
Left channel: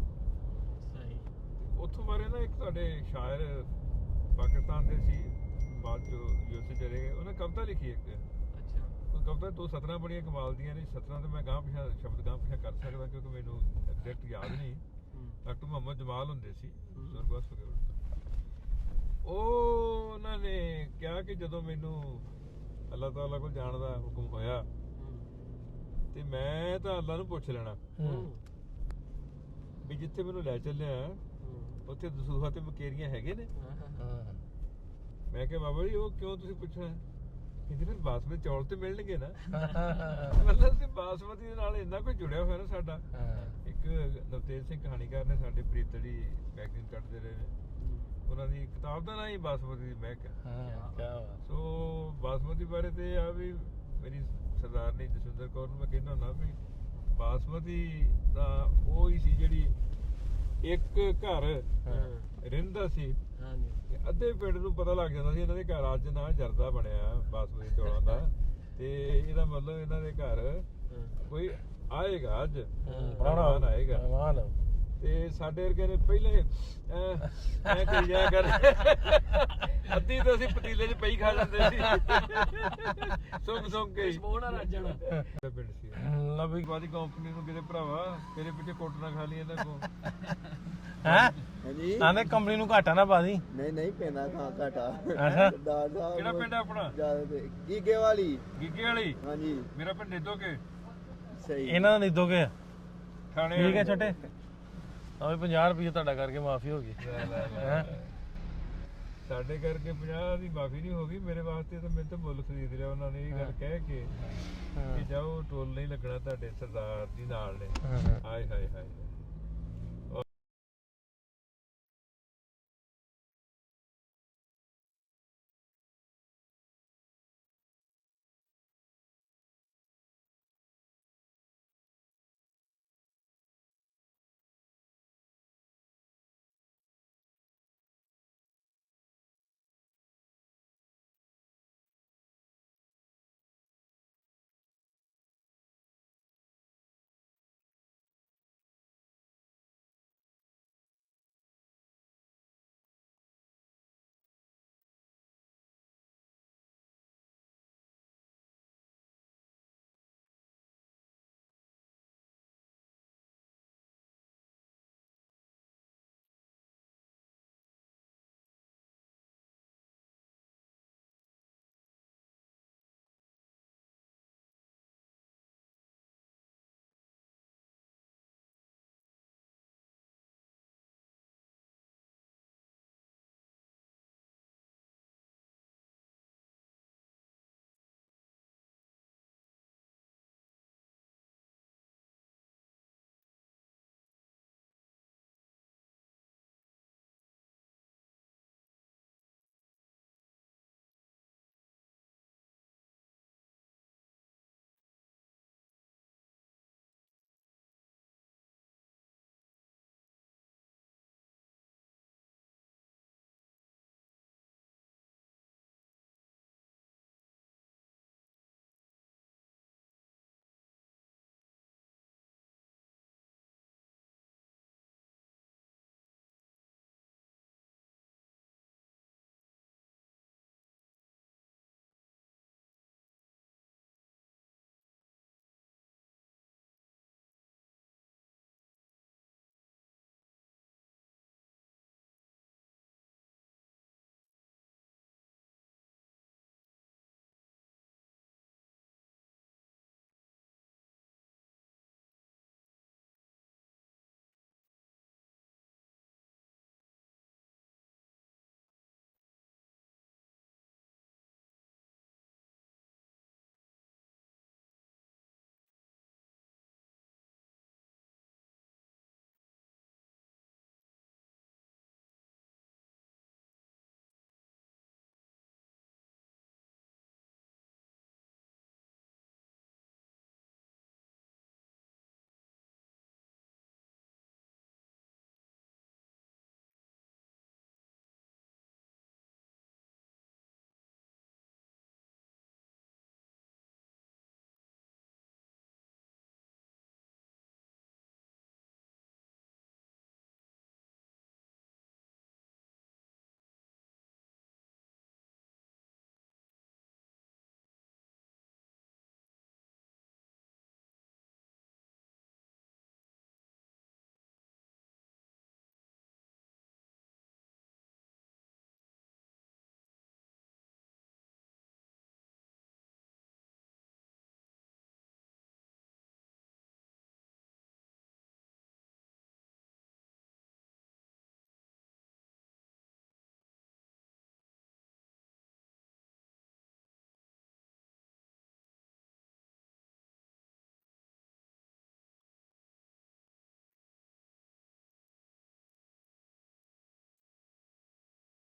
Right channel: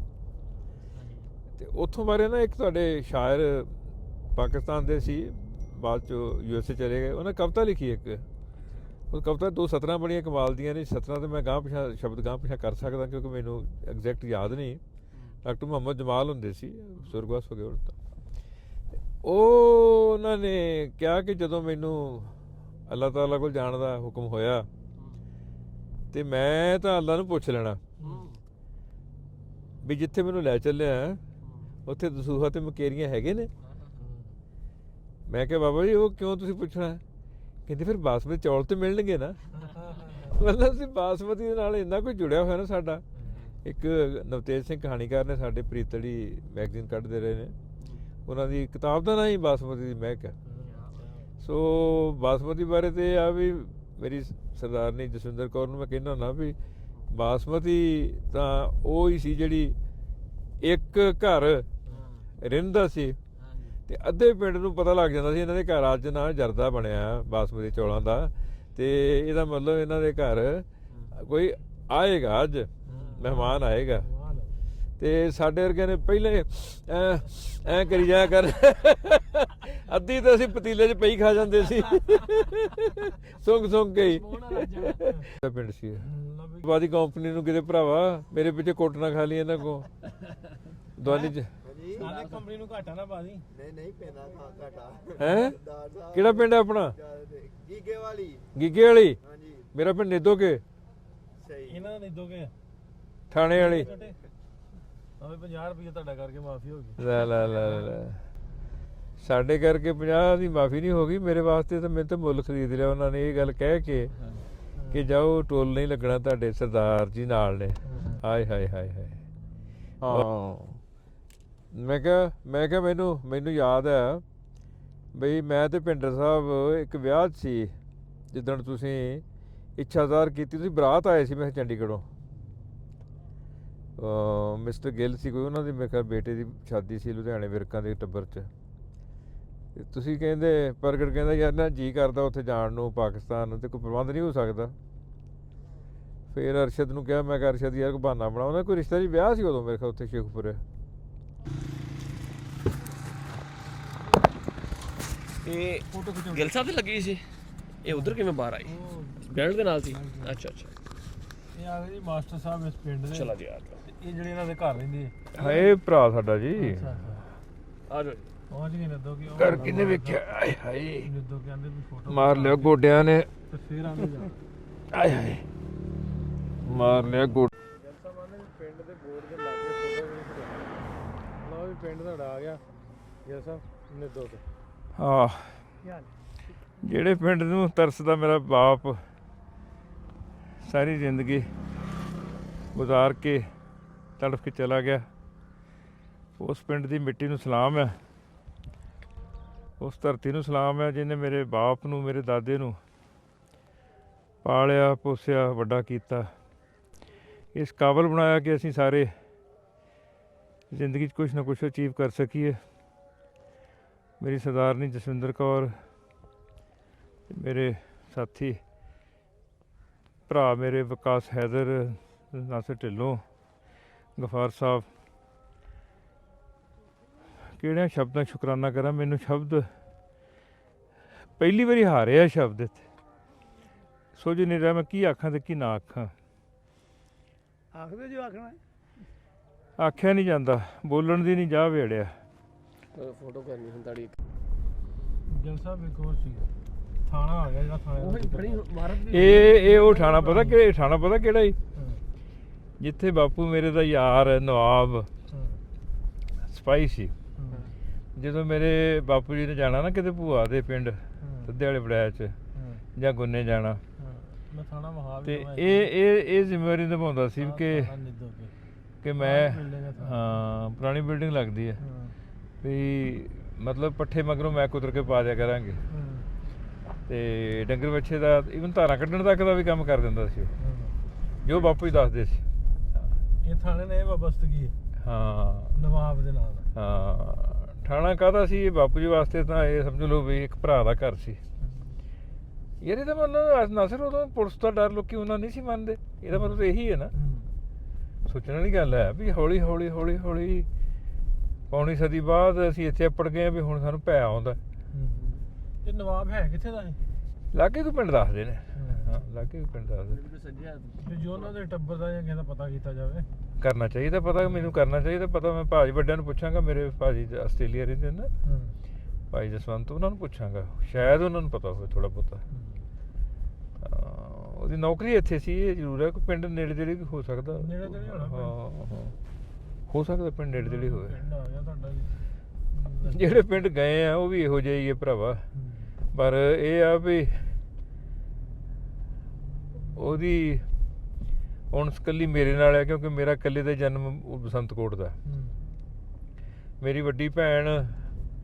ਤੇ ਉੱਥੋਂ ਬਾਰੇ ਨਾ ਇੱਕ ਤੁਹਾਡੇ ਸ਼ਾਇਰ ਪਾਕਿਸਤਾਨ ਦੇ ਸੀ, ਬਾਅਦ 'ਚ USA ਚਲੇ ਗਏ, ਉਹਨੇ ਕਵਿਤਾ ਲਿਖੀ ਇੱਕ, ਉਹ ਕਵਿਤਾ 2 ਸਤਰਾਂ ਬੜੀਆਂ ਕਮਾਲ ਦੀਆਂ ਨੇ। ਸਤਰਾਂ ਤੇ ਮੈਂ ਗਾਂਹ ਪਿਛਾਂ ਸ਼ਬਦ ਗਾਂਹ ਪਿਛਾਂ ਕਰ ਸਕਦਾ ਕਿਉਂਕਿ ਮੈਨੂੰ ਐਗਜ਼ੈਕਟ ਯਾਦ ਨਹੀਂ। ਡਾਕਟਰ ਮੁਹੰਮਦ ਜਮਾਲ ਹੁੰਦੇ ਸੀ, ਸੁਰਗਵਾਸ ਹੋ ਗਏ ਹੁਣ ਤਾਂ। ਉਹ ਉਹਨਾਂ ਨੇ ਕਿਹਾ ਕਿ ਜਦੋਂ ਮੈਨੂੰ ਅੱਲਾਹ ਤਾਲਾ ਕੋਲ ਜਾਣ ਦਾ ਹੁਕਮ ਹੋਇਆ ਤੇ ਮੈਂ ਤਾਂ ਅੱਲਾਹ ਨੂੰ ਪੁੱਛ ਲੈਣਾ ਵੀ ਜਿੱਥੇ ਮੈਨੂੰ ਲੈ ਚੱਲਿਆ ਉੱਥੇ ਦਸੂਹਾ ਤੇ ਮਕੇਰੀਆਂ ਹੈਗੇ ਨੇ। ਮੈਂ ਕਿਹਾ ਬਾਬਾ ਜੀ ਉਹ ਕਿਉਂ ਤੁਸੀਂ ਪੁੱਛਣਾ? ਕਹਿੰਦੇ ਫਿਰ ਬਾਸਮਤੀ ਚੌਲ ਤੇ ਮਿਲਣਗੇ ਨਾ। ਮਤਲਬ ਅਸੀਂ ਬਾਸਮਤੀ ਦੇ ਨਾਲ ਇੰਨਾ ਕੁਝ ਜੁੜਿਆ ਹੋਇਆ ਨਾ ਸਾਡਾ। ਇੱਕ ਨਵਤੇਜ ਸਿੰਘ ਕਹਾਣੀਕਾਰ ਨੇ ਸਾਡੇ ਪ੍ਰੀਤੜੀ ਮੈਗਜ਼ੀਨ ਕੱਢਦੇ ਰਹੇ ਨੇ, ਉਹਨਾਂ ਦੀ ਕਿਤਾਬ ਦਾ ਨਾਂ ਹੀ ਬਾਸਮਤੀ ਦੀ ਮਹਿਕ ਹੈ। ਸੋ ਬਾਸਮਤੀ ਬਾਰੇ ਤੇ ਆ ਵੀ ਮੇਰੀ ਸਰਦਾਰਨੀ ਜਸਵਿੰਦਰ ਕੌਰ ਨੂੰ ਮੈਂ ਕਹਿੰਦਾ ਹੁੰਦਾ ਵੀ ਬਾਸਮਤੀ ਤਾਂ ਉਹ ਹੀ ਸੀ ਜਿਹੜੀ ਇੱਕ ਘਰ ਰਹਿੰਦਾ ਸੀ ਤੇ ਅੱਧੇ ਪਿੰਡ ਨੂੰ ਪਤਾ ਲੱਗ ਜਾਂਦਾ ਸੀ ਇਹਨਾਂ ਦੇ ਘਰ ਅੱਜ ਨਾ ਜਰਦਾ ਬਣਿਆ ਬਾਸਮਤੀ ਚੌਲਾਂ ਦਾ, ਤੇ ਇਹਦਾ ਮਤਲਬ ਇਹਨਾਂ ਦੇ ਘਰ ਕੋਈ ਆਏਗਾ, ਅੱਜ ਮਹਿਮਾਨ ਆਏਗਾ। ਤੇ ਸਾਡੇ ਵਰਗੇ ਨੇ ਪਹਿਲੇ ਐ ਕਰੀ ਜਾਇਆ ਕਰ, ਅੱਧੀ ਤਾਂ ਅਸੀਂ ਪਤੀਲੇ 'ਚ ਪਈ ਖਾ ਜਾਂਦੇ ਸੀ ਸੁੰਘ ਕੇ ਪਿੰਡ ਸੀ। ਬਾਦੀ ਕੰਪਨੀ ਨੂੰ ਕਿਤੇ ਭਰਾਵਾ ਮੇਰੇ ਪਿੱਛੇ ਕੋਟਣਾ ਖਾ ਲਈ ਇਹਨਾਂ ਕੋ। ਆਂਦੇ ਕੰਪਨੀ ਨੂੰ ਘਾਟਾ ਨਾ ਪਾ ਦੀ। ਨਹੀਂ ਪੈਂਦਾ ਘਾਟਾ। ਕਿਹੜਾ ਪਿੰਡ ਹੈ ਆਪਣਾ? ਗੀਗੇ ਵਾਲੀ। ਗੀਗੇ ਵਾਲੀ? ਹਾਂਜੀ। ਮੇਰਾ ਪਿੰਡ ਨਿੱਦੋਕੇ। ਸਹੀ। ਇਹਨਾਂ ਦਾ ਨਿੱਦੋਕੇ ਥਾਣੇ ਵਾਲੇ ਛੋਟੇ। ਆਵੇ 50 ਰੁਪਏ ਤੁਹਾਡਾ ਕਰਕੇ ਮਾਫੀ ਹੋ ਗਈ। ਲੈ ਸਾਡੇ ਕਰਕੇ 50 ਦੀ ਮਾਫੀ ਨਹੀਂ ਹੋ ਗਈ, ਮੇਰੇ ਵਾਸਤੇ ਤਾਂ ਮੈਨੂੰ ਤਾਂ ਮੁੱਲ ਖਰੀਦ ਲਿਆ ਉਹਨਾਂ ਨੇ, ਇਹ ਗੱਲ ਕਹਿ ਕੇ ਕਿ ਜਾਓ ਟੋਲ ਨਹੀਂ ਲੱਗਣਾ ਤੁਹਾਡੇ ਸਰਦਾਰ ਜੀ ਨਾਲ ਨੇ। ਹਾਏ ਹਾਏ ਹਾਏ ਹਾਏ। ਹਾਂ ਮੈਂ ਕਿਹਾ ਮੈਨੂੰ ਯਾਦ ਹੈ ਬਈ ਮੈਂ ਤੇ ਭਿੰਡਰ ਸਾਹਿਬ ਇੱਕ ਵਿਆਹ 'ਚ ਸੀ ਜਿੱਦਣ ਤੁਸੀਂ ਇੱਛਾ ਜ਼ਾਹਰ ਕੀਤੀ, ਤੁਸੀਂ ਬਰਾਤ ਆਏ ਸੀ ਮੈਂ ਚੰਡੀਗੜ੍ਹੋਂ, ਮਿਸਟਰ ਗਿੱਲ ਸੀ ਕੋਈ, ਉਹਨਾਂ ਦੀ ਮੇਰੇ ਖਿਆਲ ਬੇਟੇ ਦੀ ਸ਼ਾਦੀ ਸੀ ਲੁਧਿਆਣੇ ਵਿਰਕਾਂ ਦੇ ਟੱਬਰ 'ਚ। ਤੇ ਤੁਸੀਂ ਕਹਿੰਦੇ ਪ੍ਰਗਟ ਕਹਿੰਦਾ ਯਾਰ ਨਾ ਜੀ ਕਰਦਾ ਉੱਥੇ ਜਾਣ ਨੂੰ ਪਾਕਿਸਤਾਨ ਨੂੰ, ਤੇ ਕੋਈ ਪ੍ਰਬੰਧ ਨਹੀਂ ਹੋ ਸਕਦਾ। ਫਿਰ ਅਰਸ਼ਦ ਨੂੰ ਕਿਹਾ, ਮੈਂ ਕਿਹਾ ਅਰਸ਼ਦ ਯਾਰ ਕੋਈ ਬਹਾਨਾ ਬਣਾ, ਉਹਨਾਂ ਕੋਈ ਰਿਸ਼ਤਾ ਜੀ ਵਿਆਹ ਸੀ ਉਦੋਂ ਮੇਰੇ ਖਿਆਲ ਉੱਥੇ ਸ਼ੇਖਪੁਰੇ। ਇਹ ਗਿੱਲ ਸਾਹਿਬ ਤੇ ਲੱਗੀ ਸੀ, ਇਹ ਉਧਰ ਕਿਵੇਂ ਬਾਹਰ ਆਈ? ਬੈਲਟ ਦੇ ਨਾਲ ਸੀ? ਅੱਛਾ ਇਹ ਆ ਗਏ ਜੀ ਮਾਸਟਰ ਸਾਹਿਬ ਇਸ ਪਿੰਡ ਦੇ। ਚਲਾ ਜੀ ਆ ਇਹ ਜਿਹੜੇ ਇਹਨਾਂ ਦੇ ਘਰ ਰਹਿੰਦੇ ਹਾਏ ਭਰਾ ਸਾਡਾ ਜੀ। ਆ ਜਾਓ। ਪਹੁੰਚ ਗਏ ਨਿੱਦੋ ਕਿ ਘਰ ਕਿੰਨੇ ਵੇਖਿਆ? ਆਏ ਹਾਏ ਨਿੱਦੋ ਕਹਿੰਦੇ ਵੀ ਫੋਟੋ ਮਾਰ ਲਿਆ ਗੋਡਿਆਂ ਨੇ, ਤੇ ਫੇਰ ਆਂਦੇ ਜਾ। ਆਏ ਹਾਏ ਮਾਰ ਲਿਆ ਗੋਡ। ਪਿੰਡ ਦੇ ਬੋਰਡ ਦੇ ਲਾਗੇ ਫੋਟੋ ਵੀ ਲਓ ਵੀ ਪਿੰਡ ਤੁਹਾਡਾ ਆ ਗਿਆ ਗਿੱਲ ਸਾਹਿਬ ਨਿੱਦੋ ਤੇ। ਹਾਂ ਜਿਹੜੇ ਪਿੰਡ ਨੂੰ ਤਰਸਦਾ ਮੇਰਾ ਬਾਪ ਸਾਰੀ ਜ਼ਿੰਦਗੀ ਗੁਜ਼ਾਰ ਕੇ ਤੜਫ ਕੇ ਚਲਾ ਗਿਆ, ਉਸ ਪਿੰਡ ਦੀ ਮਿੱਟੀ ਨੂੰ ਸਲਾਮ ਹੈ, ਉਸ ਧਰਤੀ ਨੂੰ ਸਲਾਮ ਹੈ ਜਿਹਨੇ ਮੇਰੇ ਬਾਪ ਨੂੰ, ਮੇਰੇ ਦਾਦੇ ਨੂੰ ਪਾਲਿਆ ਪੋਸਿਆ ਵੱਡਾ ਕੀਤਾ, ਇਸ ਕਾਬਲ ਬਣਾਇਆ ਕਿ ਅਸੀਂ ਸਾਰੇ ਜ਼ਿੰਦਗੀ 'ਚ ਕੁਛ ਨਾ ਕੁਛ ਅਚੀਵ ਕਰ ਸਕੀਏ। ਮੇਰੀ ਸਰਦਾਰਨੀ ਜਸਵਿੰਦਰ ਕੌਰ, ਮੇਰੇ ਸਾਥੀ ਭਰਾ ਮੇਰੇ ਵਿਕਾਸ ਹੈਦਰ, ਨਾਸਰ ਢਿੱਲੋਂ, ਗਫਾਰ ਸਾਹਿਬ, ਕਿਹੜਿਆਂ ਸ਼ਬਦਾਂ ਸ਼ੁਕਰਾਨਾ ਕਰਾਂ, ਮੈਨੂੰ ਸ਼ਬਦ ਪਹਿਲੀ ਵਾਰੀ ਹਾਰਿਆ ਸ਼ਬਦ ਇੱਥੇ ਸੋਝ ਨਹੀਂ ਰਿਹਾ ਮੈਂ ਕੀ ਆਖਾਂ ਤੇ ਕੀ ਨਾ ਆਖਾਂ। ਆਖਦੇ ਜੋ ਆਖਣਾ ਆਖਿਆ ਨਹੀਂ ਜਾਂਦਾ, ਬੋਲਣ ਦੀ ਨਹੀਂ ਜਾ ਵੇੜਿਆ। ਫੋਟੋ ਕਰਨੀ ਹੁਣ ਤੁਹਾਡੀ। ਗਿੱਲ ਸਾਹਿਬ ਇੱਕ ਹੋਰ ਸੀ ਥਾਣਾ ਆ ਗਿਆ ਜਿਹੜਾ ਥਾਣੇ ਇਹ ਉਹ ਥਾਣਾ ਪਤਾ ਕਿ ਥਾਣਾ ਪਤਾ ਕਿਹੜਾ ਜੀ? ਜਿੱਥੇ ਬਾਪੂ ਮੇਰੇ ਦਾ ਯਾਰ ਨਵਾਬ ਸਿਪਾਹੀ ਸੀ। ਜਦੋਂ ਮੇਰੇ ਬਾਪੂ ਜੀ ਨੇ ਜਾਣਾ ਨਾ ਕਿਤੇ ਭੂਆ ਦੇ ਪਿੰਡ ਸੱਦੇ ਵਾਲੇ ਬੜਾਇਆ 'ਚ ਜਾਂ ਗੁੰਨੇ ਜਾਣਾ, ਮੈਂ ਥਾਣਾ ਮਹਾਲ ਤੇ ਇਹ ਜ਼ਿੰਮੇਵਾਰੀ ਨਿਭਾਉਂਦਾ ਸੀ ਕਿ ਮੈਂ ਹਾਂ ਪੁਰਾਣੀ ਬਿਲਡਿੰਗ ਲੱਗਦੀ ਹੈ ਵੀ ਮਤਲਬ ਪੱਠੇ ਮਗਰੋਂ ਮੈਂ ਕੁਤਰ ਕੇ ਪਾ ਦਿਆ ਕਰਾਂਗੇ ਤੇ ਡੰਗਰ ਬੱਚੇ ਦਾ ਇਵਨ ਧਾਰਾਂ ਕੱਢਣ ਤੱਕ ਦਾ ਵੀ ਕੰਮ ਕਰ ਦਿੰਦਾ ਸੀ ਉਹ ਜੋ ਬਾਪੂ ਹੀ ਦੱਸਦੇ ਸੀ ਇਹ ਥਾਣੇ ਨੇ ਵਬਸਤਗੀ ਹਾਂ ਨਵਾਬ ਦੇ ਨਾਲ ਹਾਂ ਥਾਣਾ ਕਾਹਦਾ ਸੀ ਇਹ ਬਾਪੂ ਜੀ ਵਾਸਤੇ ਤਾਂ ਇਹ ਸਮਝ ਲਓ ਵੀ ਇੱਕ ਭਰਾ ਦਾ ਘਰ ਸੀ ਯਾਰ ਇਹਦਾ ਮਤਲਬ ਨਾਸਰ ਉਦੋਂ ਪੁਲਿਸ ਦਾ ਡਰ ਲੋਕੀ ਉਹਨਾਂ ਨਹੀਂ ਸੀ ਮੰਨਦੇ ਇਹਦਾ ਮਤਲਬ ਇਹੀ ਹੈ ਨਾ ਸੋਚਣ ਵਾਲੀ ਗੱਲ ਹੈ ਵੀ ਹੌਲੀ ਹੌਲੀ ਹੌਲੀ ਹੌਲੀ ਪੌਣੀ ਸਦੀ ਬਾਅਦ ਅਸੀਂ ਇੱਥੇ ਅਪੜ ਗਏ ਵੀ ਹੁਣ ਸਾਨੂੰ ਭੈ ਆਉਂਦਾ ਇਹ ਨਵਾਬ ਹੈ ਕਿੱਥੇ ਦਾ ਲਾਗੇ ਕੋਈ ਪਿੰਡ ਦੱਸਦੇ ਨੇ ਹਾਂ ਲਾਗੇ ਕੋਈ ਪਿੰਡ ਦੱਸਦੇ ਤੇ ਜੋ ਉਹਨਾਂ ਦੇ ਟੱਬਰ ਦਾ ਜਾਂ ਕਿਸੇ ਦਾ ਪਤਾ ਕੀਤਾ ਜਾਵੇ ਕਰਨਾ ਚਾਹੀਦਾ ਪਤਾ ਮੈਨੂੰ ਕਰਨਾ ਚਾਹੀਦਾ ਪਤਾ ਮੈਂ ਭਾਜੀ ਵੱਡਿਆਂ ਨੂੰ ਪੁੱਛਾਂਗਾ ਮੇਰੇ ਭਾਜੀ ਆਸਟ੍ਰੇਲੀਆ ਰਹਿੰਦੇ ਨੇ ਨਾ ਭਾਈ ਜਸਵੰਤ ਉਹਨਾਂ ਨੂੰ ਪੁੱਛਾਂਗਾ ਸ਼ਾਇਦ ਉਹਨਾਂ ਨੂੰ ਪਤਾ ਹੋਵੇ ਥੋੜਾ ਬਹੁਤਾ ਉਹਦੀ ਨੌਕਰੀ ਇੱਥੇ ਸੀ ਇਹ ਜ਼ਰੂਰ ਹੈ ਕੋਈ ਪਿੰਡ ਨੇੜੇ ਤੇੜੇ ਵੀ ਹੋ ਸਕਦਾ ਹਾਂ ਹੋ ਸਕਦਾ ਪਿੰਡ ਨੇੜੇ ਤੇੜੇ ਹੋਵੇ ਜਿਹੜੇ ਪਿੰਡ ਗਏ ਆ ਉਹ ਵੀ ਇਹੋ ਜਿਹੇ ਹੀ ਹੈ ਭਰਾਵਾ ਪਰ ਇਹ ਆ ਵੀ ਉਹਦੀ ਹੁਣ ਇਕੱਲੀ ਮੇਰੇ ਨਾਲ ਹੈ ਕਿਉਂਕਿ ਮੇਰਾ ਇਕੱਲੇ ਦਾ ਜਨਮ ਬਸੰਤਕੋਟ ਦਾ ਮੇਰੀ ਵੱਡੀ ਭੈਣ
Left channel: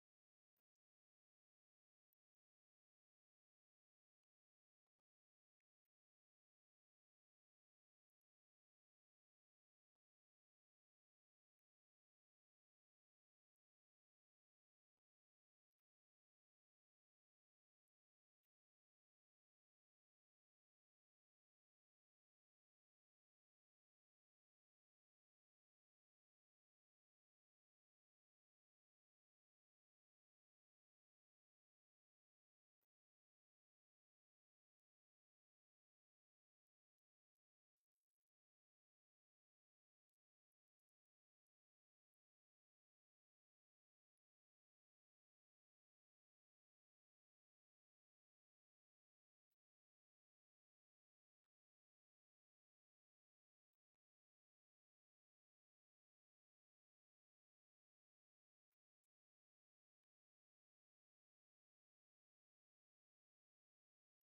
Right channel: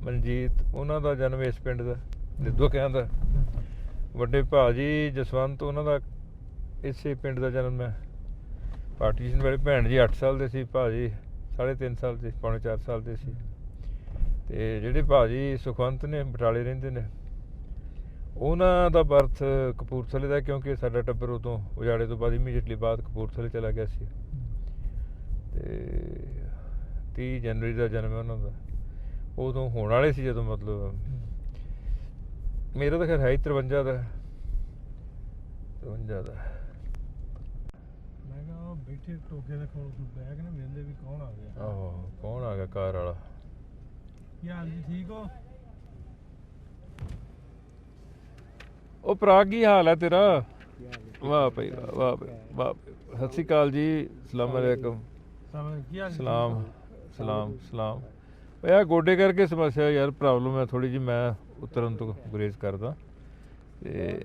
ਮਨਜੀਤ ਉਹਨਾਂ ਦਾ ਜਨਮ ਇਸ ਪਿੰਡ ਦਾ ਲਿੱਦੋ ਕਹਿੰਦਾ ਵੱਡੇ ਭਾਜੀ ਜਸਵੰਤ ਉਹਨਾਂ ਦਾ ਇਸੇ ਪਿੰਡ ਦਾ ਜਨਮ ਹੈ ਪਾਰਟੀਸ਼ਨ ਵੇਲੇ ਭੈਣ ਜੀ 8 ਸਾਲ ਦੇ ਸੀ ਭਾਜੀ 3.5 ਸਾਲ ਦੇ ਪੌਣੇ 4 ਸਾਲ ਦੇ ਸੀ ਤੇ ਜਿਹੜੇ ਭਾਜੀ ਸੁਖਵੰਤ ਨੇ ਬਟਾਲੇ ਰਹਿੰਦੇ ਨੇ ਉਹਨਾਂ ਦਾ ਬਰਥ ਕਪੂਰਥਲੇ ਦਾ ਕਿਉਂਕਿ ਸਾਡਾ ਟੱਬਰ ਉਦੋਂ ਉਜਾੜੇ ਤੋਂ ਬਾਅਦ ਇਮੀਡੀਏਟਲੀ ਬਾਅਦ ਕਪੂਰਥਲੇ ਚਲਾ ਗਿਆ ਸੀ ਤੇ 30 ਜਨਵਰੀ ਦਾ ਜਨਮ ਹੈ ਉਹਨਾਂ ਦਾ ਉਦੋਂ ਹੋਣ ਵਾਲੇ ਸੀ ਜਦੋਂ ਮਤਲਬ ਮੇਰਾ ਤਾਂ ਖੈਰ ਹੈ 53 ਦਾ 53 ਦਾ ਮੈਂ ਕਿਹਾ ਬੈਠੇ ਟੋਕੇ ਦੇ ਕੋਲ ਬੈਗ ਨਾ ਵੇਂਦੇ ਵੀ ਕੌਣ ਆ ਗਿਆ ਆਹੋ ਕੌਣ ਆ ਗਿਆ ਕਾਰ ਵਾਲਾ ਕੀ ਹਾਲ ਜੀ ਠੀਕ ਹੋ ਉਹ ਭਰਾ ਕੀ ਹਾਲ ਹੈ ਤੇਰਾ ਵਾਹ ਭਾਈ ਵਾਹ ਵਾਹ ਭਾਈ ਵਾਹ ਸਤਿ ਸ਼੍ਰੀ ਅਕਾਲ ਜੀ ਸਲਾਮ ਅਲੈਕਮ ਕੀ ਹਾਲ ਸਲਾਮ ਸਲਾਮ ਸਲਾਮ ਯਾਰ ਗੋਡੇ ਕਰਕੇ ਸਮੱਸਿਆ ਯਾਰ ਪ੍ਰੋਬਲਮ ਹੈ ਥੋੜੀ ਜਿਹੀ ਮੈਂ ਉਤਰਨ ਤੋਂ ਗੁਰੇਜ਼ ਕਰਦਾ ਤੇ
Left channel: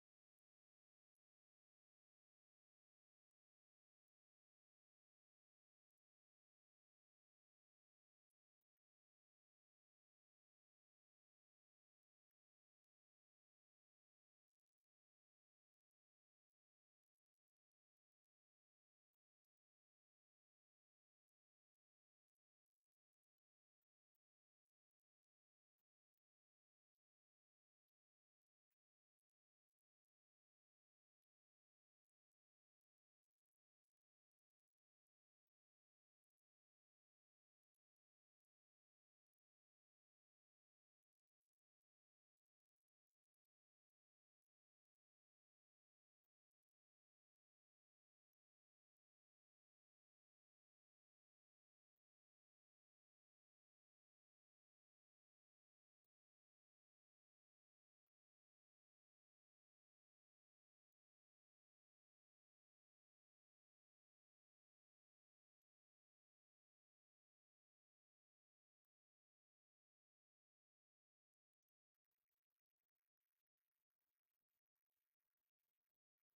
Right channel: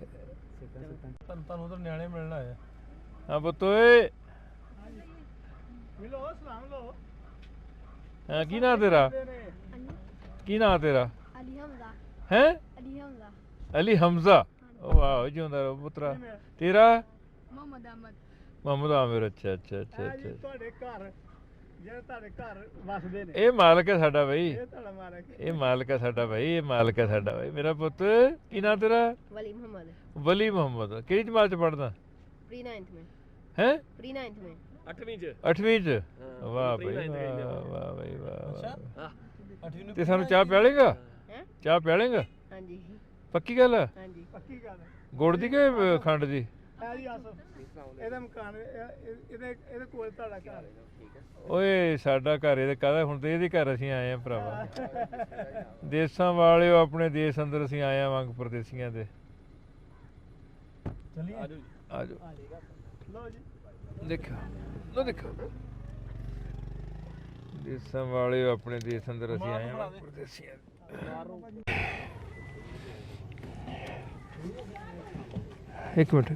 ਤੁਹਾਨੂੰ ਉਧਰ ਨਿਆਣੇ ਮਿਲਣ ਆਏ ਹਾਂ ਪੁੱਤ ਓਏ ਮਿਲੋ ਸਲਾਮ ਲੋ ਹਾਂ ਕੀ ਨਾਂ ਤੇਰਾ ਕੀ ਨਾਂ ਤੇਰਾ ਅਲੀ ਹਮਜ਼ਾ ਹੈ ਅਲੀ ਹਮਜ਼ਾ ਅਲੀ ਹਮਜ਼ਾ ਵਾਹ ਜਿਉਂਦਾ ਰਹੋ ਪੁੱਤਰਾ ਤੇਰਾ ਮੁਹੰਮਦ ਅਹਿਮਦ ਮੁਹੰਮਦ ਆਮਿਰ ਅੱਛਾ ਅੱਛਾ ਅੱਛਾ ਅੱਛਾ ਤੁਹਾਡੇ ਘਰ ਜਿਹੜੇ ਤੁਹਾਡੇ ਘਰ ਵਸਦੇ ਨੇ ਇਹ ਮਾਲਕ ਹੈ ਸਾਡਾ ਬਈ ਇਹ ਤੁਹਾਡਾ ਮਾਲਕ ਇਹ ਮਾਲਕ ਹੈ ਸਾਡਾ ਬਈ ਇਹ ਮਾਲਕ ਹੈ ਸਾਡਾ ਬਈ ਮੇਰਾ ਪੁੱਤ ਕੀ ਨਾਂ ਤੇਰਾ वली मोहम्मद ਵਲੀ ਮੁਹੰਮਦ ਕਿਹੜੀ ਜਮਾਤ ਚ ਪੜਦਾ प्री 9th में ਹੈ प्री 9th में 8ਵੀਂ ਚ 8ਵੀਂ ਚ ਹਾਂ, ਵਾਹ pre ਬਈ ninth ਕਹਿੰਦੇ ਆ। ਵਾਹ ਵਾਹ ਬਈ ਵਾਹ ਹਾਂ 8ਵੀਂ ਨੂੰ ਤੇ ਸਾਨੂੰ ਚਾਹ ਪਿਆਲੇਗਾ हैं ਚਾਹ ਪਿਆਲੇਗਾ हाँ जी ਪੱਕੀ ਗੱਲ ਹੈ हाँ जी ਪੱਕੀ ਗੱਲ ਹੈ ਗੁੜ ਦੀ ਕਿ ਖੰਡ ਦੀ ਆ ਜੀ ਆਸੋ ਇਹਦਾ ਮਕਾਨ ਇਹਦੇ ਕੋਲ ਤੁਹਾਡਾ ਘਰ ਹੈ ਓਏ ਸਾਡਾ ਘਰ ਇਹਦੇ ਕਾਹਦਾ ਹੁਣ ਤੇ ਇਹਦੇ ਘਰ ਅਸੀਂ ਆਏ ਆ ਭਰਾਵਾ ਦੇਸਾਂ ਵਾਲਿਓ ਆਪਣੇ ਦੇਸ਼ ਅੰਦਰ ਅਸੀਂ ਆਏ ਆ ਵਾਂਗ ਪਰਦੇਸੀਆਂ ਦੇ ਚਲਿਏ ਆਜੋ ਲੋ ਜੀ ਦੇਖੋ ਲੋ ਦੇਖੋ ਦੇਸਾਂ ਵਾਲਿਓ ਆਪਣੇ ਦੇਸ਼ ਅੰਦਰ ਅਸੀਂ ਆਏ ਆ ਵਾਂਗ ਪਰਦੇਸੀਆਂ ਦੇ। ਇੱਕ ਮਿੰਟ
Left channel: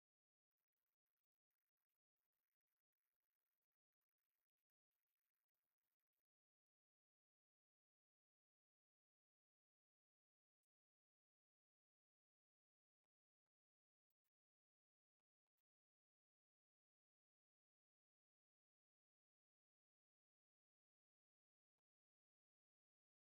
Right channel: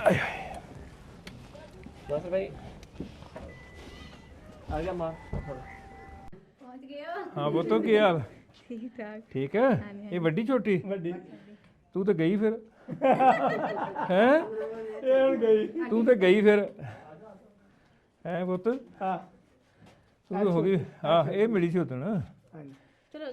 ਆਏ ਹਾਏ ਬਸ ਭਾਈ ਆ ਗਿਆ ਮਾਂ पहुंच गए हो ਹਾਂ ਬੋਤੋ ਕੀ ਹਾਲ ठीक ठाक ਠੀਕ ਹੈ ਇਹ ਵੱਡੀ ਛੋਟੀ ਵੱਡੀ ਤੂੰ ਤਾਂ ਗਈ ਫਿਰ ਹੈ ਇਹ ਹੁਣ ਗਈ ਤੂੰ ਤਾਂ ਗਈ ਫਿਰ ਹੈ ਪੁੱਤ ਹਾਂ ਤੂੰ ਤਾਂ ਹੋ ਗਈ ਹਾਂ ਇਹ ਮਿਲੀ ਸੀ ਉਦਣ ਹਾਂਜੀ चलो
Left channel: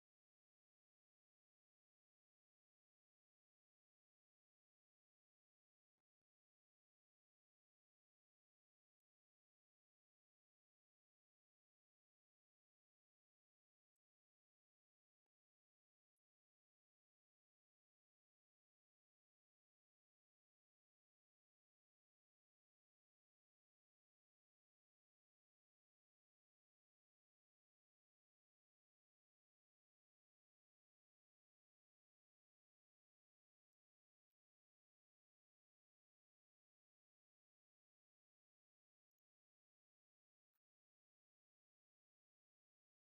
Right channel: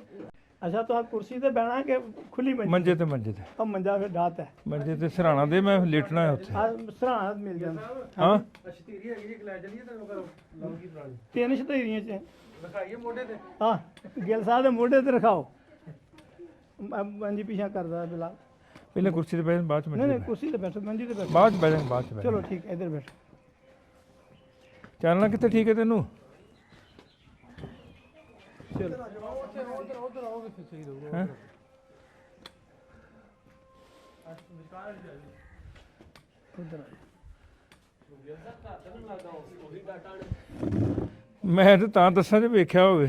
ਅੱਛਾ ਤਾਂ ਕੁਰਸੀ ਤੇ ਬਹਿਣਾ ਕਿ ਖੁੱਲੀ ਮੰਜੇ ਤੇ ਮੰਜੇ ਤੇ ਆ ਮੰਜਾ ਫਿਰ ਢਾਤ ਹੈ ਮੰਜੇ ਤੇ ਸਰਾਣਾ ਦੇ ਮੈਂ ਲੇਟਣਾ ਹੈ ਉੱਥੇ ਆ ਸਰਾਣਾ ਮਿਲ ਜਾਂਦਾ ਹਾਂ ਅਸ਼ਤੀਰੀ ਹੈਗੀ ਇੱਕ ਲੈ ਚਲੀਏ ਤੈਨੂੰ ਕਰੋ ਲੰਗੀ ਪੁਰਾਣੀ 3 ਸ਼ਤੀਰੀਆਂ ਚ ਰਖਾਈਏ ਮੋਢੇ ਤੇ ਹਾਂ ਗਿੱਲ ਸਾਹਿਬ ਦੇ ਮੋਢੇ ਤੇ ਰਖਾਓ ਮੰਜੀ ਪਿਛਾ ਕਰਦਾ ਬਿਲਾ ਪਹਿਲਾਂ ਕੁਰਸੀ ਤੇ ਬੈਠ ਬਾਅਦ ਚ ਨਹੀਂ ਮੰਜੇ ਨਹੀਂ ਤੇ ਕੁਰਸੀ ਤੇ ਬੈਠੋ ਮੰਜੀ ਤੇ ਬੈਠੋ ਬਾਅਦ ਚ ਬਹਿ ਜਾਵਾਂਗੇ ਬਾਅਦ ਚ ਬਹਿ ਚਲੋ ਜਾਵਾਂਗੇ। ਠੀਕ ਹੈ ਇੱਧਰ ਬੈਠੋ ਚੱਲਣਾ ਕਿੱਥੇ ਠੀਕ ਹੈ ਤੈਨੂੰ ਚਲੋ ਉਧਰ ਆਓ ਕਿੱਥੇ ਸਹੀ ਰਹੂਗਾ ਹੈਂ? ਉਧਰ ਮੈਂ ਤੇ ਤਾਂ ਦੱਸਾਂ ਜੇ ਵੇਖਿਆ ਹੋਵੇ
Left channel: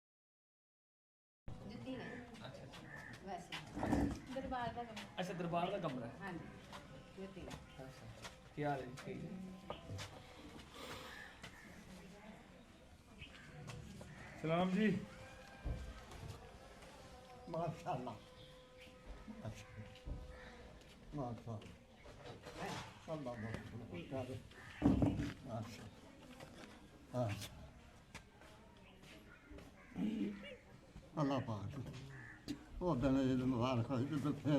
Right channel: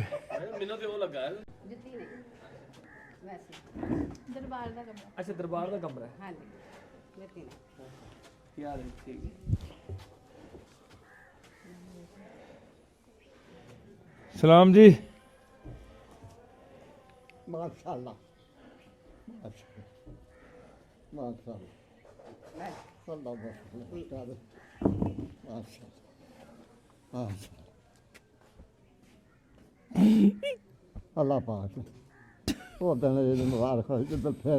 ਮੈਨੂੰ ਤੇ ਉਹ ਲੱਗਾ जुत्ती नहीं वैसे दरबार का कमरा ਅੱਛਾ ਦਰਬਾਰ ਦਾ ਕਮਰਾ हाँ जी जुत्ती नहीं ਕੀ ਹਾਲ ਹੈ? ਠੀਕ ਹੈ। ਸਲਾਮ ਜੀ। माशाल्लाह माशाल्लाह अल्लाह पाक वो दिन मुबारक हो जब फिर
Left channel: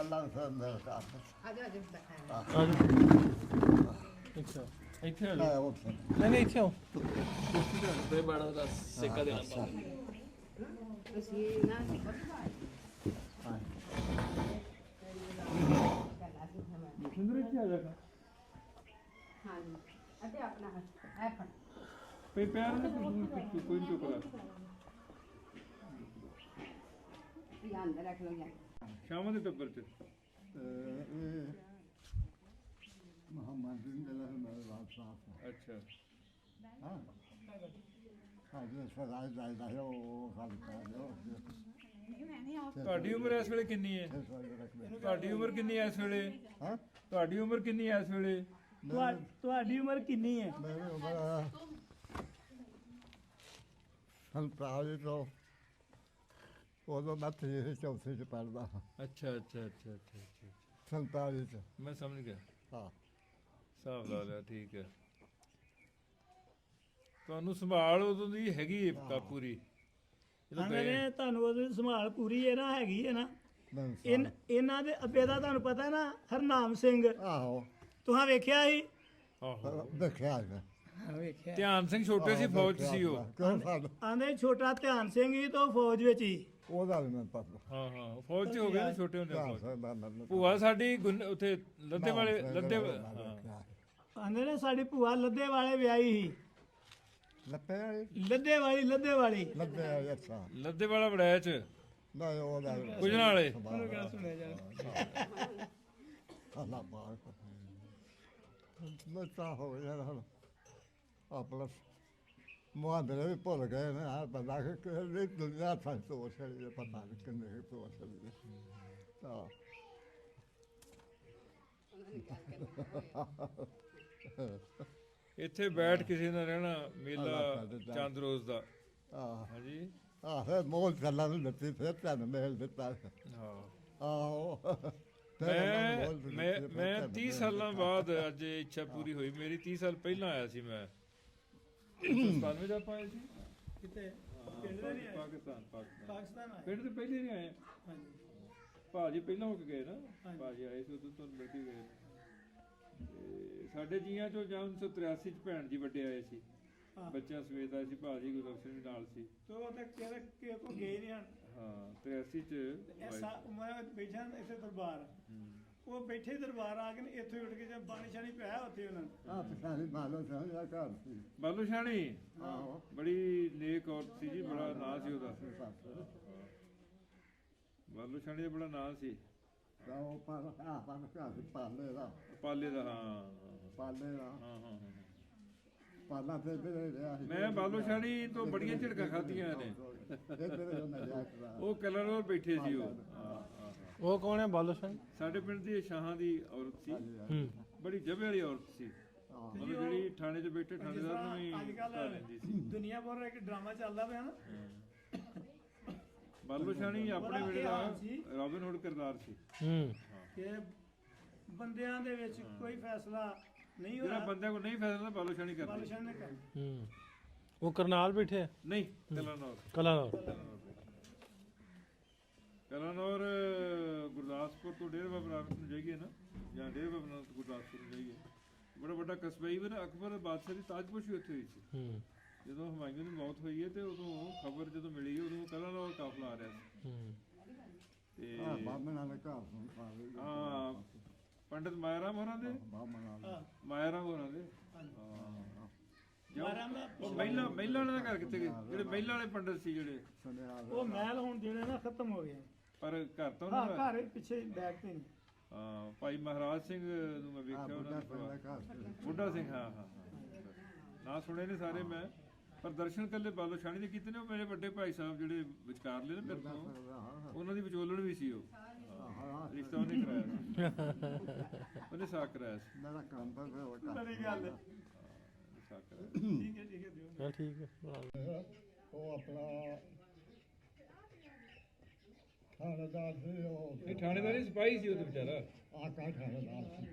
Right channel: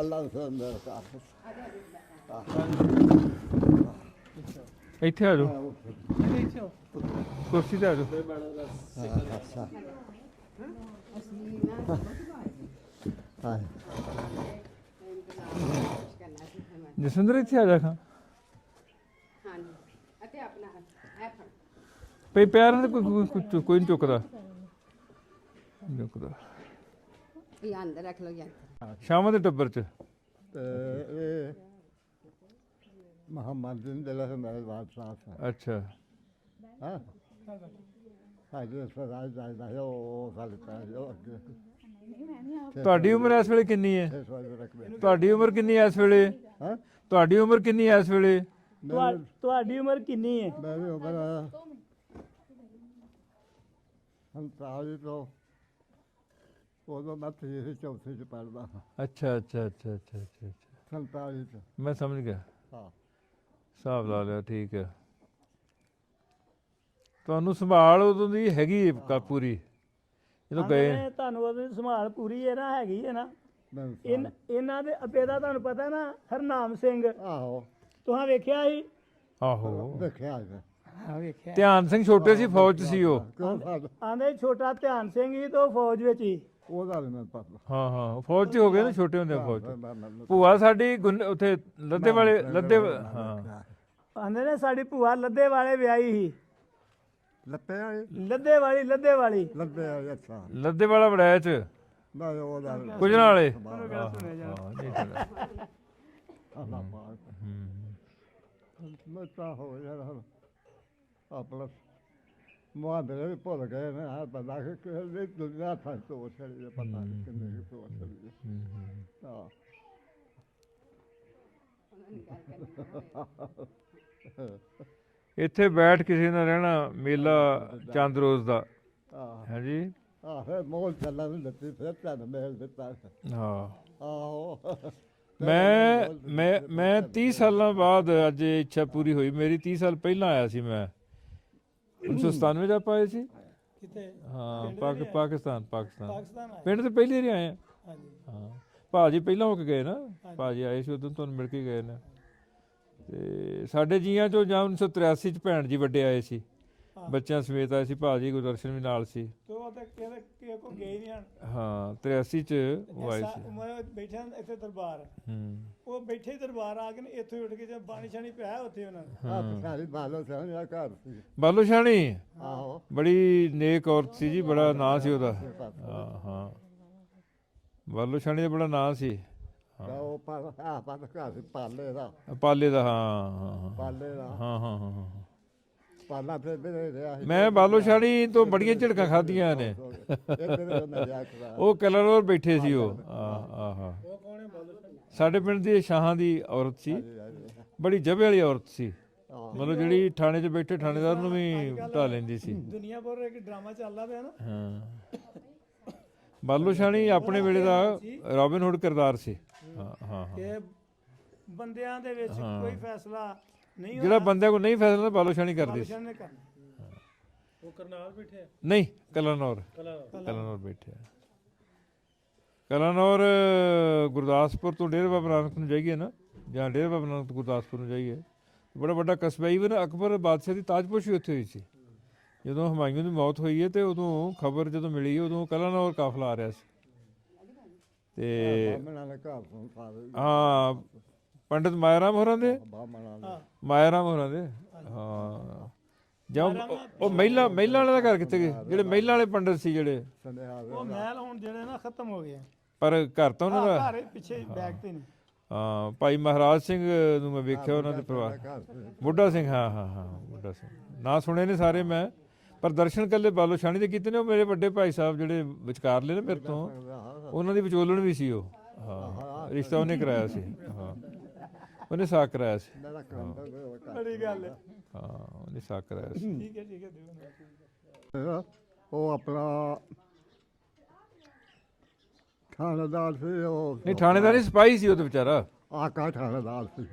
अल्लाह से ਇੱਥੇ ਆ ਜਾਓ, ਨਹੀਂ ਇੱਥੇ ਆਓ। ਕੁਰਸੀ ਤੇ ਆ ਜਾਓ। ਇਹ ਬਾਣਾ ਦਾ ਸੇਕਾ ਦੇਣਾ ਜਸਵਿੰਦਰ ਇੱਥੇ ਆ ਜਾ ਖਾਂ। ਪਈ ਪਿਆਰ ਨਾਲ ਕੋਈ ਨਹੀਂ ਚੁੱਕਦਾ। ਅੰਦਰ ਰੱਖ ਲਓ ਯਾਰ। ਸ਼ਾਮਾਂ ਦੇ ਟੱਬਰ ਚ मोहम्मद बिन दिल मेरे बात साफ है ਅੱਛਾ। हाँ साढ़े सदाई जायदा है वो साल का है ਤੁਹਾਡੀ ਉਮਰ ਇਸ ਵੇਲੇ ਕਿੰਨੀ ਹੈ? 6 वजे रख ਤੁਹਾਡੀ ਉਮਰ ਕਿੰਨੀ ਹੈ ਇਸ ਵੇਲੇ? हाँ ਤੁਹਾਡੀ ਉਮਰ ਕਿੰਨੀ ਹੈ ਇਸ ਵੇਲੇ? ਤੁਹਾਡੀ ਉਮਰ ਕਿੰਨੀ ਹੈ? मेरी उम्र 47 तो उदो मैं 3 चौथे च पढ़दा ਅੱਛਾ ਅੱਛਾ ਅੱਛਾ ਅੱਛਾ ਅੱਛਾ 47 च ਮੈਂ ਸਮਝ ਗਿਆ, हाँ ਹਿਸਾਬ ਲਾ ਲਿਆ। ਠੀਕ ਹੈ। ਤੁਹਾਨੂੰ ਸੰਭਾਲ ਉਦੋਂ ਦੀ ਹੈਗੀ ਹੈ ਪੂਰੀ ਜਦੋਂ ਗਏ? ਤੁਹਾਨੂੰ ਉਹਦੀ ਸੰਭਾਲ ਪੂਰੀ ਹੈ ਨਾ, ਹੈਗੀ ਹੈ ਨਾ। मैं ਇਹਨਾਂ ਦੇ ਅੱਬੇ ਦਾ ਤੁਹਾਨੂੰ ਪਤਾ ਨਾ, ਹਰਨਾਮ ਸਿੰਘ। आहो ਤੁਹਾਂ ਵੇਖਿਆ ਸੀ? ਆਹੋ। देखा है ਹਾਂ ਵੇਖਿਆ। ਧਿਆਨ ਸਿੰਘ ਛੋਟੇ ਸੀ, ਫੌਜ 'ਚ ਸੀ ਉਹ। क्यों साल ਆਂਦੇ ਛੋਟਾ ਧਿਆਨ ਸਿੰਘ ਹੀ ਤੋਂ ਫੌਜ ਵਿੱਚ ਹੀ। ਉਹਦਾ ਵੀ ਮੈਂ ਪਤਾ ਹਾਂ ਹਾਂ, ਫੌਜ 'ਚ ਹੋ ਗਏ ਨਾ, ਛੋਟੇ ਹੁੰਦੇ ਫੌਜ 'ਚ। ਮੈਂ ਭੂਆ ਸਾਡੀ ਉੱਥੇ ਲੱਦੇ ਵਾਲੇ ਹਾਂ। ਆਂਦੇ ਨੇ ਸਾਡੀ ਭੂਆ ਲੱਦੇ ਵਾਲੇ ਵਿਆਹੀ ਸੀ। ਲੱਪੇ ਵਾਲੀ ਲੱਦੇ ਵਾਲੀ ਲੱਦੇ ਵਾਲੀ ਅੱਛਾ ਲੱਦੇ ਵਾਲਾ ਵੜਾਇਆ 'ਚ ਨਾ ਉਹਦਾ ਕੁਝਣਾ ਵਾਲੇ। ਅੱਲਾਹ ਪਾਕ ਮੈਂ ਤਾਂ ਹੋ ਯਾਰ ਹੁਣ ਆਪਣਾ ਮੁਹਾਦਰੇ ਵੀ ਭੁੱਲ ਗਏ ਨੇ ਆ ਬੰਦਾ ਕਿ ਦੁਨੀਆ ਤਾਂ ਸੋਚ ਰਹੀ ਹੈ ਪਤਾ ਨਹੀਂ ਕਿੰਨੇ ਸੋਚ ਰਹੀ ਹੈ ਹਾਂ ਇੱਥੇ ਬੈਠ ਕਿਸੇ ਨਾਲ ਰਹਿਣਾ, ਮੇਲਾ ਚੰਦ ਰੋਜ਼ ਦਾ। ਆਹ ਹਾਂਜੀ ਫਿਰ ਮੋਲ ਚੱਲਣ ਨੂੰ ਦਿੱਤੀ ਫਿਰ ਤੁਹਾਨੂੰ ਮੇਲ ਦਿੱਤਾ ਹਾਂ। ਆਹੋ ਮੈਂ 30 ਸਾਲਾਂ ਬਾਅਦ ਅੱਜ ਇਹ ਇੱਛਾ ਪੂਰੀ ਹੋਈ ਮੇਰੀ। 30 ਸਾਲ ਪਹਿਲਾਂ ਆਇਆ ਸੀ ਮੈਂ 1997 ਚ ਆਪਾਂ ਆਏ ਸੀ। ਹਾਂ ਪਾਕਿਸਤਾਨ ਪਿੰਡ ਤੇ ਪਹਿਲੀ ਵਾਰੀ ਆਏ ਆ। ਹਾਂ ਭਾਜੀ ਪਹਿਲਾਂ ਹੋ ਕੇ ਗਏ ਨਾ, ਭਾਜੀ ਆਏ ਸੀ ਉਦੋਂ ਤੁਹਾਨੂੰ ਮਿਲ ਕੇ ਗਏ ਨੇ। ਤੇ ਸਾਡੇ ਜੀਆਂ ਚੋਂ ਜਾਂ 1983 ਚ ਭੈਣ ਜੀ ਵੱਡੇ ਆਏ ਸੀ, ਬੱਚਿਆਂ ਸਮੇਤ ਆਏ ਸੀ। ਭਾਜੀ ਗੁਰਦਰਸ਼ਨ ਵੀ ਨਾਲ ਸੀ। ਹਾਂ 83 ਚ ਉਹ ਆਏ ਸੀ। ਮੈਂ ਬੈਠਾ ਇੱਥੇ ਦਰਬਾਰ, ਉਹ ਬੈਠੇ ਦਰਬਾਰ ਆ ਕੇ ਇੱਥੇ ਉੱਠ ਕੇ ਜੇ ਪਾਣੀ ਛਾਣੀ ਪਿਆ ਉੱਥੇ ਉਹਨਾਂ ਨੇ। ਆਹ ਸਾਰੀ ਬਾਲੋ ਸਾਹਮਣੇ ਘਰ ਸੀ ਬਾਲੋ ਸ਼ਾਣੀ ਆਹੋ ਬੜੀ ਨੇਕ ਔਰਤ ਸੀ ਜੀ, ਬੜਾ ਨਾਂ ਸੀ ਉਹਦਾ। ਹਾਂ ਹਾਂ ਬਾਲੋ ਸ਼ਾਣੀ ਦਾ ਬੜਾ ਨਾਂ ਸੀ। ਉਹ ਘਰ ਸੀ ਪਾਲੇ ਦਾ ਪਾਲੇ ਦਾ। ਹਾਂ ਪਾਲੇ ਦਾ ਹਾਂ ਹਾਂ ਹਾਂ ਹਾਂ। ਪਾਲਾ ਫਿਰ ਵੀ ਰਿਹਾ ਸੀ ਮੈਂ ਬਾਲੋ ਸ਼ਾਣੀ ਤੋਂ ਬੜੀਆਂ ਝਿੜਕਾਂ ਖਾਧੀਆਂ ਨੇ। ਉਹ ਕਲਰੋਰ ਬੈਠੇ ਸੀ ਉਹ। ਆਹ ਉਹ ਕੌਣ ਹੈ ਬਾਲੋ ਸਿੰਘ? ਸਾਡੇ ਪਿੰਡ ਦੀ ਸ਼ਾਹਾਂ ਦੀ ਔਰਤ ਸੀ, ਬੜੀ ਜਬੇ ਵਾਲੀ ਔਰਤ ਸੀ। ਮਤਲਬ ਜਿਹੜੀ ਥਾਣੇ 'ਚ ਬੈਠੇ ਥਾਣੇਦਾਰ ਨੂੰ ਵੀ ਢਾ ਲੈਂਦੀ ਸੀ। ਦੁਨੀਆ ਭਰ ਇੱਕ ਡਰਾਮਾ ਚੱਲਦਾ ਪਿਆ ਨਾ। ਹਾਂ ਬਾਲੋ ਸ਼ਾਣੀ ਆਪਣੇ ਵੇਲੇ ਦਾ ਰੋਬਿਨ ਹੁੱਡ ਕਿਰਦਾਰ ਸੀ। ਹਾਂ ਕਿ ਬੰਦਿਆਂ ਦੇ ਵਿੱਚ ਕੋਈ ਫੈਸਲਾ ਨਹੀਂ ਜਿਹੜਾ ਬੰਦਿਆਂ ਕੋਲ ਨਹੀਂ ਫੈਸਲਾ ਬਾਲੋ ਸ਼ਾਣੀ ਕਰਦੀ ਸੀ। ਨੇ ਕਰਨਾ। ਉਹ ਕਰਨਾਲ ਬੈਠੇ ਆ? ਨਹੀਂ ਕਲਾਨੌਰ ਬੈਠੇ ਆ। ਕਲਾਨੌਰ ਗੁਰਦਾਸਪੁਰ ਤੋਂ ਡੇਰਾ ਬਾਬਾ ਨਾਨਕ ਨੂੰ ਜਾਈਏ ਨਾ, ਜਾਂ ਡੇਰਾ ਬਾਬਾ ਨਾਨਕ ਤੋਂ ਗੁਰਦਾਸਪੁਰ ਨੂੰ ਜਾਈਏ, ਬੜਾ ਵੱਡਾ ਕਸਬਾ। ਈਵਨ ਅਕਬਰ ਬਾਦਸ਼ਾਹ ਦੀ ਤਾਜਪੋਸ਼ੀ ਉੱਥੇ ਹੋਈ ਸੀ। ਜਦੋਂ ਹੁਮਾਯੂੰ ਦੀ ਮੌਤ ਹੋਈ ਹੈ ਤੇ ਉਦੋਂ ਖਬਰ ਜਦੋਂ ਮਿਲੀ ਉਦੋਂ ਕਲਾਨੌਰ ਕਾਫਲਾ ਆ ਰਿਹਾ ਸੀ। ਤੇ ਹਾਂ ਪੰਡਿਤ ਮਾਇਆ ਰਾਮ ਹੋਰਾਂ ਦੇ ਹਾਂ ਜਾਂ ਉਹ ਮਹਿਲਾ ਵਾਲੇ ਦਾ ਘਰ ਕਿੱਥੇ ਗਏ? ਜਿਹੜੇ ਮਹਿਲਾ ਵਾਲੇ ਪੰਡਿਤ ਸੀ ਜਿਹੜੇ, ਉਹ ਮਹਿਲ ਹੁਣ ਜਿਹੜੇ ਨਾ ਖਤਮ ਹੋ ਗਏ। ਪਰ ਘਰ ਤਾਂ ਉਹਨਾਂ ਦਾ ਘਰ ਪਿੱਛੇ ਬੈਕ ਤੇ ਨੇ। ਹਾਂ ਭਾਈ ਮਹਾਰਾਜ ਸਿੰਘ ਨੂੰ ਮੈਂ ਵੇਖਿਆ, ਉਹਨਾਂ ਦੇ ਪਰਿਵਾਰ। ਬੁੱਢਾ ਸਿੰਘ ਹਾਂ ਬੁੱਢਾ ਸਿੰਘ ਨਾਂ ਸੁਣੇ ਨੇ ਸਾਰੇ ਮੈਂ, ਪਰ ਦਰਸ਼ਨ ਕੱਲੇ ਬਾਲੋ ਸ਼ਾਣੀ ਦੇ ਕੀਤੇ ਨੇ। ਉਹ ਮੇਰੇ ਵੱਡੇ ਭਾਈ ਸਾਹਿਬ ਜਿਹੜੇ ਵਿਚਕਾਰਲੇ ਨੇ ਮੇਰੇ ਤੋਂ, ਉਹਨਾਂ ਦੀ ਵਿਚੋਲਣ ਵੀ ਸੀ ਉਹ। ਹਾਂ ਰਿਸ਼ਤਾ ਉਹਨੇ ਕਰਾਇਆ ਸੀ ਹਾਂ। ਉਹਨੇ ਸਾਕ ਕਰਾਇਆ ਸੀ ਮੇਰਾ ਕੰਮ ਤਾਂ ਉਹ ਕਰ ਬੜੀ ਗੱਲ ਹੈ। ਹਾਂ ਉਹਨੇ ਸਾਕ ਕਰਾਇਆ ਸੀ ਠੀਕ ਹੈ ਦਿਓ। ਠੀਕ ਹੈ ਮੇਰਾ ਉਹ ਆਪਣਾ ਥਾਣੇਦਾਰ ਸੀ ਉਹ ਨਹੀਂ ਥਾਣੇਦਾਰ ਨਹੀਂ ਸਿਪਾਹੀ ਸੀ ਉਹ ਤਾਂ ਵਿਚਾਰਾ ਆਕਾ ਥਾਣੇਦਾਰ ਸੀ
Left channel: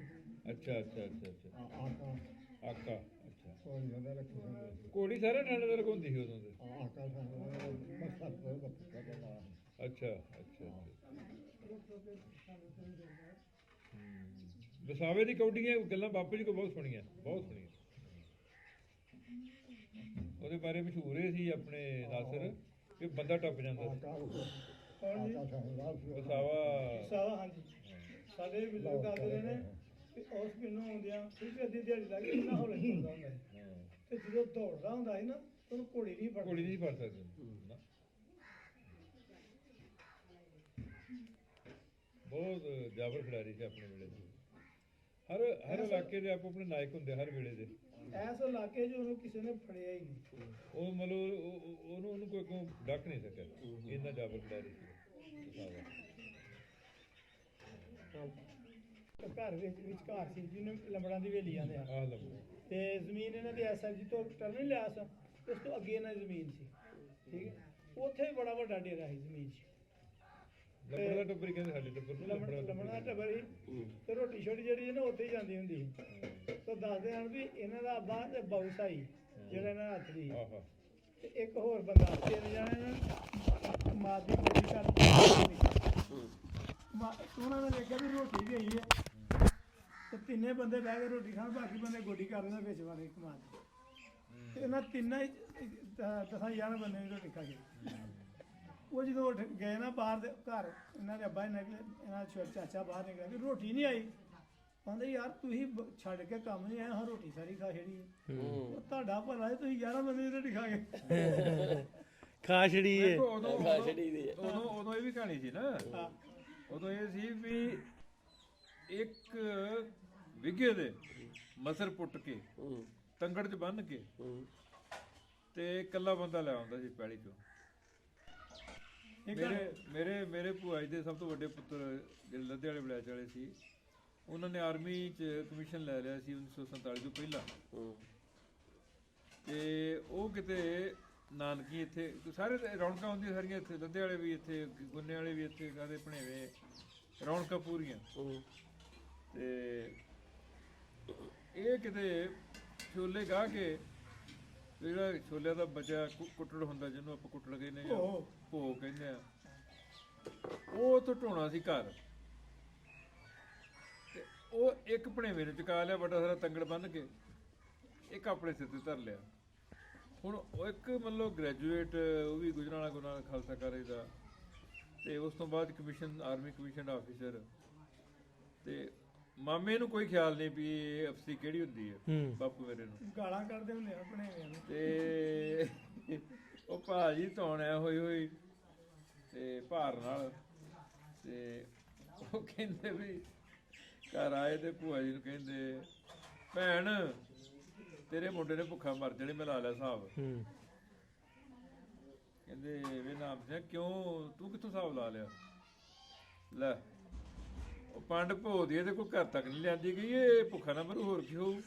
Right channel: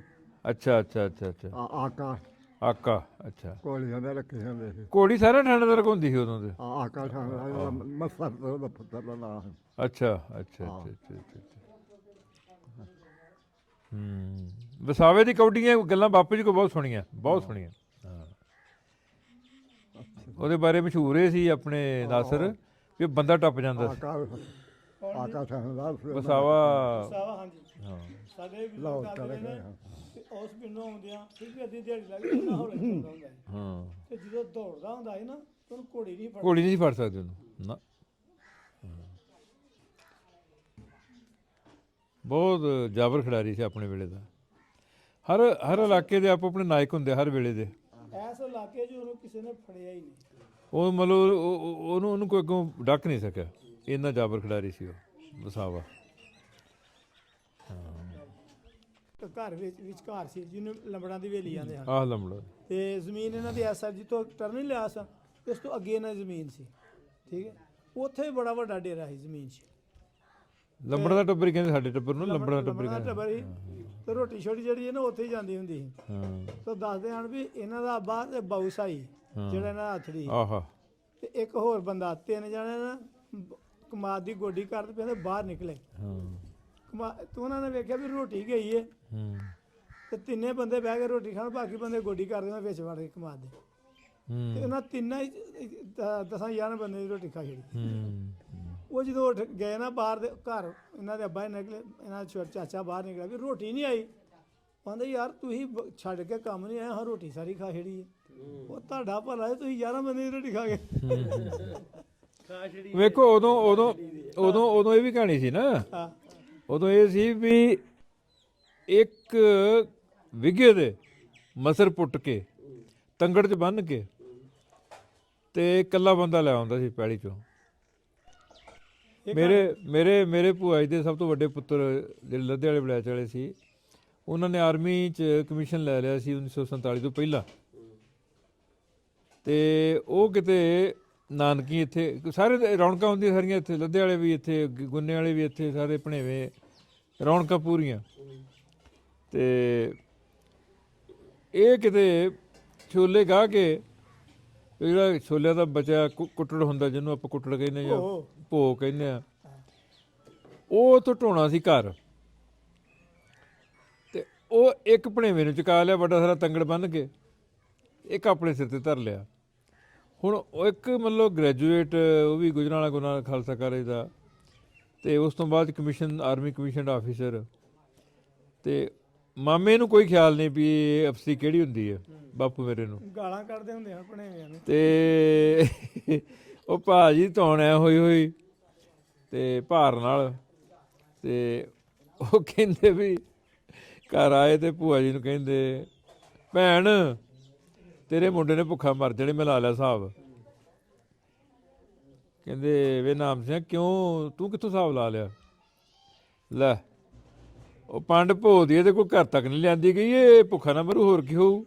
ਅੱਛਾ ਅੱਛਾ ਅੱਛਾ ਅੱਛਾ ਆਕਾ ਆਕਾ ਅੱਛਾ ਕੋਲੀਆਂ ਦੇ ਰੱਖੇ ਹੁੰਦੇ ਸੀ ਕੋੜੀ ਸਾਰਾ ਥਾਣੇਦਾਰ ਹੁੰਦੀ ਸੀ ਉਦੋਂ ਤੇ ਆਕਾ ਥਾਣੇਦਾਰ ਮਸਰ ਤੋਂ ਦਾ ਪੁੱਤਰ ਦਾ ਨਾਮ ਅੱਛਾ ਅੱਛਾ ਅੱਛਾ ਅੱਛਾ ਅੱਛਾ ਵਸਾਵੇ ਦੀ ਕੌਡੀਆਂ ਗੱਲਾਂ ਬਾਪੂ ਜੀ ਕੋ ਬਹੁਤ ਸੁਣੀਆਂ ਬਹੁਤ ਸੁਣੀਆਂ ਹਾਂ ਉਹਦੇ ਬਾਰੇ ਮਸ਼ਹੂਰ ਇਹ ਸੀ ਆਪਣੇ ਨਾਸਰ ਵੀ ਉਹ ਬੰਦਾ ਟੱਪ ਜਾਂਦਾ ਸੀ ਆਕਾ ਥਾਣੇਦਾਰ ਸੀ ਵਸਾਵਾ ਸਾਵਾ ਹਾਂਜੀ ਹਾਂ ਸਾਡੇ ਵੀ ਲੋਕ ਆਉਂਦੇ ਨੇ ਤੇ ਉਸ ਪਿੰਡੋਂ ਆਉਂਦਿਆਂ ਫਿਰ ਵੀ ਅੱਧੀ ਦਿਹਾੜੀ ਲੱਗ ਜਾਂਦੀ ਨਾ ਹੌਲੇ ਚੱਲਦਾ ਹੁੰਦਾ ਸੀ। ਹਾਂ ਤੇ ਜਦੋਂ ਦੌੜਦਾ ਹੁੰਦਾ ਸੀ ਨਾ ਤੇ ਉਹਨੂੰ ਘੋੜੀ ਨਹੀਂ ਫੜਦੀ। ਘੋੜੀ ਨਹੀਂ ਸੀ ਫੜ ਸਕਦੇ ਉਹਨੂੰ ਨਾ ਬਹੁਤ ਜਾਬਰ ਖਿਡਾਰੀ ਸੀ ਆਪਣੇ ਵੇਲੇ ਦਾ ਹਰ ਹਰ ਇਲਾਕੇ ਦੇ ਆਪੋ ਆਪਣੇ ਨਾਇਕ ਹੁੰਦੇ ਹਰ ਵੇਲੇ ਦੇ ਐਸ ਇਲਾਕੇ 'ਚ ਉਹਨੂੰ ਕਿਸੇ ਨੇ ਫੜਿਆ ਹੀ ਨਹੀਂ। ਉਹ ਮਤਲਬ ਉਹਨੂੰ ਕੋਈ ਅੱਗੋਂ ਡੱਕ ਨਹੀਂ ਸਕਿਆ ਇੰਨਾ ਜਾਬਰ ਖਿਡਾਰੀ ਸੀ ਉਹ ਵਸਾਵਾ ਤੇ ਘਰ ਵਿੱਚ ਘਰ ਸੀ ਜਿਹਨੂੰ ਲੰਬੜਾਂ ਦੀ ਹਵੇਲੀ ਆਂਦੇ ਹਨ ਆਹ ਲੰਬੜਾ ਤੇ ਜ਼ਮੀਨ ਇਹਨਾਂ ਦੀ ਐਸਆਰਜੀ ਤੋਂ ਟਰਨ ਨਹੀਂ ਲਿਆ ਸੀ ਤੇ ਉਸ ਤੋਂ ਅੱਗੇ ਇਹਨਾਂ ਦੀ ਜ਼ਮੀਨ ਸੀ ਠੀਕ ਹੈ ਉੱਥੇ ਬੜਾ ਵੱਡਾ ਡੇਰਾ ਸੀ ਜ਼ਮੀਨ 'ਚ ਲੰਬੜਾ ਦਾ ਟੱਬਰ ਹੀ ਕਹਿੰਦੇ ਸਾਡੇ ਟੱਬਰ ਨੂੰ ਲੰਬੜਾ ਦਾ ਟੱਬਰ ਹੀ ਲੰਬੜਾਂ ਦਾ ਕਹਿੰਦੇ ਟੱਬਰ ਸੀ ਤੇ ਰੋਟੀ ਛੋਟੀ ਜਿਹੜੀ ਹੈ ਨਾ ਉੱਥੇ ਹੀ ਜਾਂਦੀ ਹੁੰਦੀ ਸੀ ਹਾਂ ਤਾਂ ਦੱਸਦੇ ਹਨ ਵੀ ਇਹਨਾਂ ਦਾ ਅੱਬਾ ਤੇ ਬਾਊ ਸਾਈ ਜਿਹੜਾ ਇਹਨਾਂ ਦਾ ਹੱਥ ਦੀ ਆਹਾ ਤੇ ਇੱਕ ਹੋਰ ਬੰਦਾ ਤਿੰਨ ਜਣੇ ਨਾ ਕਮਾਦ ਦੀ ਗੋਡੀ ਕਰਨ ਤੋਂ ਬਾਹਰ ਨਿਕਲੇ ਤੇ ਉਹਨਾਂ ਨੇ ਵੇਖਿਆ ਵੀ ਰੋਟੀ ਗਈ ਹੈ ਤੇ ਤਿੰਨੇ ਬੰਦੇ ਬਹਿ ਕੇ ਰੋਟੀ ਖਾਣ ਬਾਕੀ ਬੰਦੇ ਗੋਡੀ ਕਰਦੇ ਨੇ ਵਿੱਚ ਵੜ ਕੇ ਕਮਾਦ ਦੇ ਤੇ ਇਹਨਾਂ ਤਿੰਨਾਂ 10-11 ਬੰਦੇ ਦੀ ਰੋਟੀ ਖਾ ਲਈ ਉਹ ਜਦੋਂ ਉੱਠ ਗਏ ਨਾ ਬਾਹਰ ਦੇ ਘਰ ਇਹਨਾਂ ਦੇ ਅੱਬਾ ਹੀ ਨਿਕਲੇ ਇਹਨਾਂ ਦਾ ਚਾਚਾ ਬਾਹਰ ਨਿਕਲਿਆ ਵੀ ਰੋਟੀ ਨਹੀਂ ਆਈ ਕਹਿੰਦੇ ਯਾਰ ਤੁਸੀਂ ਛੱਡ ਕੇ ਕੰਮ ਨਹੀਂ ਆਇਆ ਹਾਂ ਰੋਟੀ ਸਾਰੀ ਖਾ ਛੜੀ ਹੈ ਉਹ ਤੁਹਾਡਾ ਭਲਾ ਹੈ ਤੁਸੀਂ 11 ਬੰਦੇ ਦੀ ਰੋਟੀ ਖਾ ਗਏ ਖਾ ਛੜੀ ਵੇਖੋ ਉਦੋਂ ਇਹ ਵੀ ਕਹਾਣੀ ਸੀ ਨਾ ਹਾਂ ਉਦੋਂ ਇਹ ਸੀ ਵੀ ਇੱਕ ਵਿਗੇ ਦੇ ਮਸਰ ਪੁੱਟ ਕੇ ਤੰਗੜ 'ਚ ਬੰਨ੍ਹ ਕੇ ਤੇ ਇਕੱਲਾ ਬੰਦਾ ਲੈ ਆਉਂਦਾ ਸੀ ਪੈਲੀ 'ਚੋਂ ਮੇਰੇ ਭੂਆ ਜੀ ਦੇ ਸਭ ਤੋਂ ਵੱਡੇ ਪੁੱਤਰ ਜਿਹੜੇ ਲੱਦੇ ਵਾਲੇ ਬਲੈਚ ਵਾਲੇ ਸੀ ਉਹਨਾਂ ਨੇ ਆਰਮੀ 'ਚ ਕਮਿਸ਼ਨ ਲੈ ਲਿਆ ਸੀ 1947 ਤੋਂ ਪਹਿਲਾਂ ਤੇ ਉਹ ਕਿਤੇ ਨਾਨਕੀ ਇੱਥੇ ਸਾਰੇ ਰੌਣਕਾਂ ਹੁੰਦੀਆਂ ਸਾਰੀਆਂ ਇੱਥੇ ਲੱਦੇ ਵਾਲੇ ਵੀ ਇੱਥੇ ਗੁੰਨੇ ਵਾਲੇ ਵੀ ਇੱਥੇ ਸਾਰੇ ਭਣੇਵੇਂ ਰੌਣਕਾਂ ਪੂਰੀਆਂ ਤੇ ਇਹ ਕਿਤੇ ਛੋਲੇ ਗਾਹ ਕੇ ਜਿਹੜਾ ਛੋਲਿਆਂ ਦਾ ਬਚਿਆ ਕੁੱਟੜ ਹੁੰਦਾ ਜਿਹਨੂੰ ਆਪਾਂ ਕੁੱਟੜ ਕਹਿੰਦੇ ਜਾਂ ਭੋਗ ਕਹਿੰਦੇ ਆ ਉਹ ਤੋਂ ਢੋਣਾ ਸੀ ਘਰ ਤੇ ਉਹ ਇੱਕ ਭਣੇਵੇਂ ਨੂੰ ਚੁਕਾ ਲਿਆ ਵੱਡਾ ਸਾਰਾ ਤੰਗੜ ਬੰਨ੍ਹ ਕੇ ਇੱਕ ਆਪਣੇ ਸਿਰ ਤੇ ਧਰ ਲਿਆ ਹੁਣ ਉਹ ਇੱਕ ਮਤਲਬ ਗ੍ਰੈਜੂਏਟ ਉਹ ਵੀ ਗੁਜਰਾਂਵਾਲਾ ਗੁਰੂ ਨਾਨਕ ਖਾਲਸਾ ਕਾਲਜ ਦਾ ਤੇ ਉਸ ਤੋਂ ਬਾਅਦ ਕਮਿਸ਼ਨ ਆਰਮੀ ਕਮਿਸ਼ਨਡ ਆਫੀਸਰ ਤੇ ਮਾਮੇ ਨੂੰ ਕੋਈ ਖਿਆਲ ਨਹੀਂ ਵੀ ਇਹ ਅਫਸਰੀ ਕਿਹੜੀ ਹੁੰਦੀ ਹੈ ਬਾਪੂ ਮੇਰੇ ਨੂੰ ਗਾਲਾਂ ਕੱਢਦੇ ਹੁੰਦੇ ਆ ਭਣੇਵਿਆਂ ਨੂੰ ਤੇ ਉਹ ਭਾਜੀ ਧੌਣ ਐ ਹੋਈ ਤੇ ਭਾਰ ਨਾਲ ਤੇ ਉਹ ਕਹਿੰਦੇ ਵੀ ਘਰ ਆਏ ਤੇ ਭੂਆ ਜੀ ਨੂੰ ਕਹਿੰਦੇ ਭੈਣ ਤੇਰੇ ਮੁੰਡੇ ਨੇ ਭੁੱਖਾ ਮਰ ਜਾਣੇ ਮੈਂ ਲਾ ਲਿਆ ਹਿਸਾਬ ਕਹਿੰਦੇ ਵੇ ਨਾਮ ਸਿੰਘ ਕਿਉਂ ਤੂੰ ਕਿੱਥੋਂ ਹਿਸਾਬ ਲਾ ਲਿਆ ਲੈ ਉਹ ਪੰਡ ਭੋ ਦੀ ਇਹਦੇ ਕੋਈ ਘਰ ਤੱਕ ਨਹੀਂ ਲਿਆਂਦੀ ਗਈ ਇਹ ਭੁੱਖਾ ਨਾ ਮਰੂ ਹੋਰ ਕੀ ਹੋਊ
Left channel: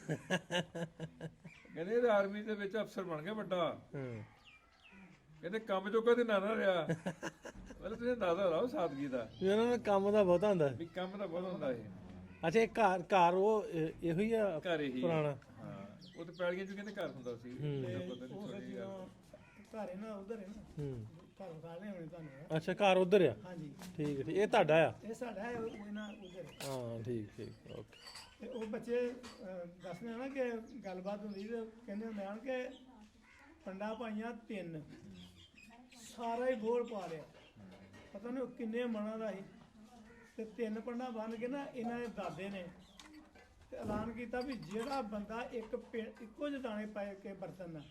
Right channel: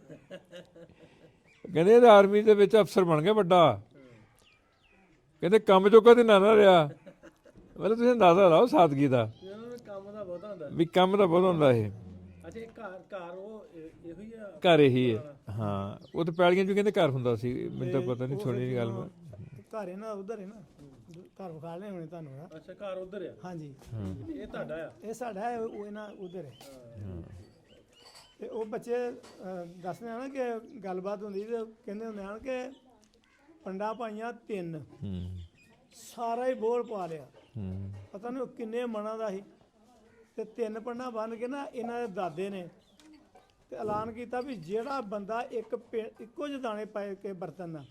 ਕਹਿੰਦੇ ਇਹ ਆਰਮੀ ਦੇ ਵਿੱਚ ਅਫਸਰ ਬਣ ਗਿਆ ਵੱਡਾ ਕਹਿੰਦੇ ਕੰਮ ਚੋਂ ਕਦੇ ਨਾ ਰਿਹਾ ਮਤਲਬ ਤੁਸੀਂ ਅੰਦਾਜ਼ਾ ਲਾਓ ਸਾਦਗੀ ਦਾ ਇਹਨਾਂ ਨੂੰ ਕੰਮ ਦਾ ਬਹੁਤਾ ਹੁੰਦਾ ਵੀ ਕੰਮ ਤਾਂ ਬਹੁਤ ਹੁੰਦਾ ਇਹ ਅੱਛਾ ਇਹ ਘਰ ਉਹ ਇਹੋ ਹੀ ਆ ਘਰ ਇਹੀ ਹੈ ਹਾਂ ਉਹ ਤਾਂ ਪੈਲੀਆਂ 'ਚ ਕਹਿੰਦੇ ਘਰ ਹੁੰਦਾ ਸੀ ਮੈਨੂੰ ਤਾਂ ਪਤਾ ਨਹੀਂ ਸੁਣੀ ਦੀ ਗੱਲ ਮੈਂ ਘਰ ਇਹਨਾਂ ਦਾ ਉਧਰ ਹੈ ਨਾ ਘਰ ਵਿਖਾ ਲਿਆ ਹੋਣੇ ਤੁਹਾਨੂੰ ਨਾ ਅੱਛਾ ਘਰ ਉਧਰ ਆ ਹਾਂਜੀ ਠੀਕ ਹੈ ਇਹ ਤੁਹਾਡਾ ਆ ਇਹ ਸਾਡਾ ਹੈ ਉਹ ਇਹਨਾਂ ਉਧਰ ਹੈ ਹਾਂ ਠੀਕ ਓਕੇ ਤੇ ਉਹ ਬੱਚੇ ਦੱਸਦੇ ਆ ਨਾ ਕਿ ਗੱਲਬਾਤ ਹੁੰਦੀ ਤੇ ਕਹਿੰਦੇ ਹੁੰਦੇ ਹਨ ਕਿ ਪੰਡਾ ਪਾਈਆਂ 3 ਸਾਰਾ ਹੀ ਬੋਲ ਪਾ ਲਿਆ ਪਤਾ ਨਹੀਂ ਕਿੰਨੇ ਮਣਾ ਦਾ ਸੀ ਤੇ 3 ਪੰਡਾ ਬੰਨ ਕੇ ਨਾ ਇਹਨਾਂ ਦੇ ਦਾਦੇ ਨੇ ਤੇ ਐਲਾਨ ਕੀਤਾ ਵੀ ਜਿਹੜਾ ਬੰਦਾ ਇੱਕੋ ਜਿਹੇ ਦਾਣੇ ਪਾ ਕੇ ਬਰਤਨ ਨਾਲ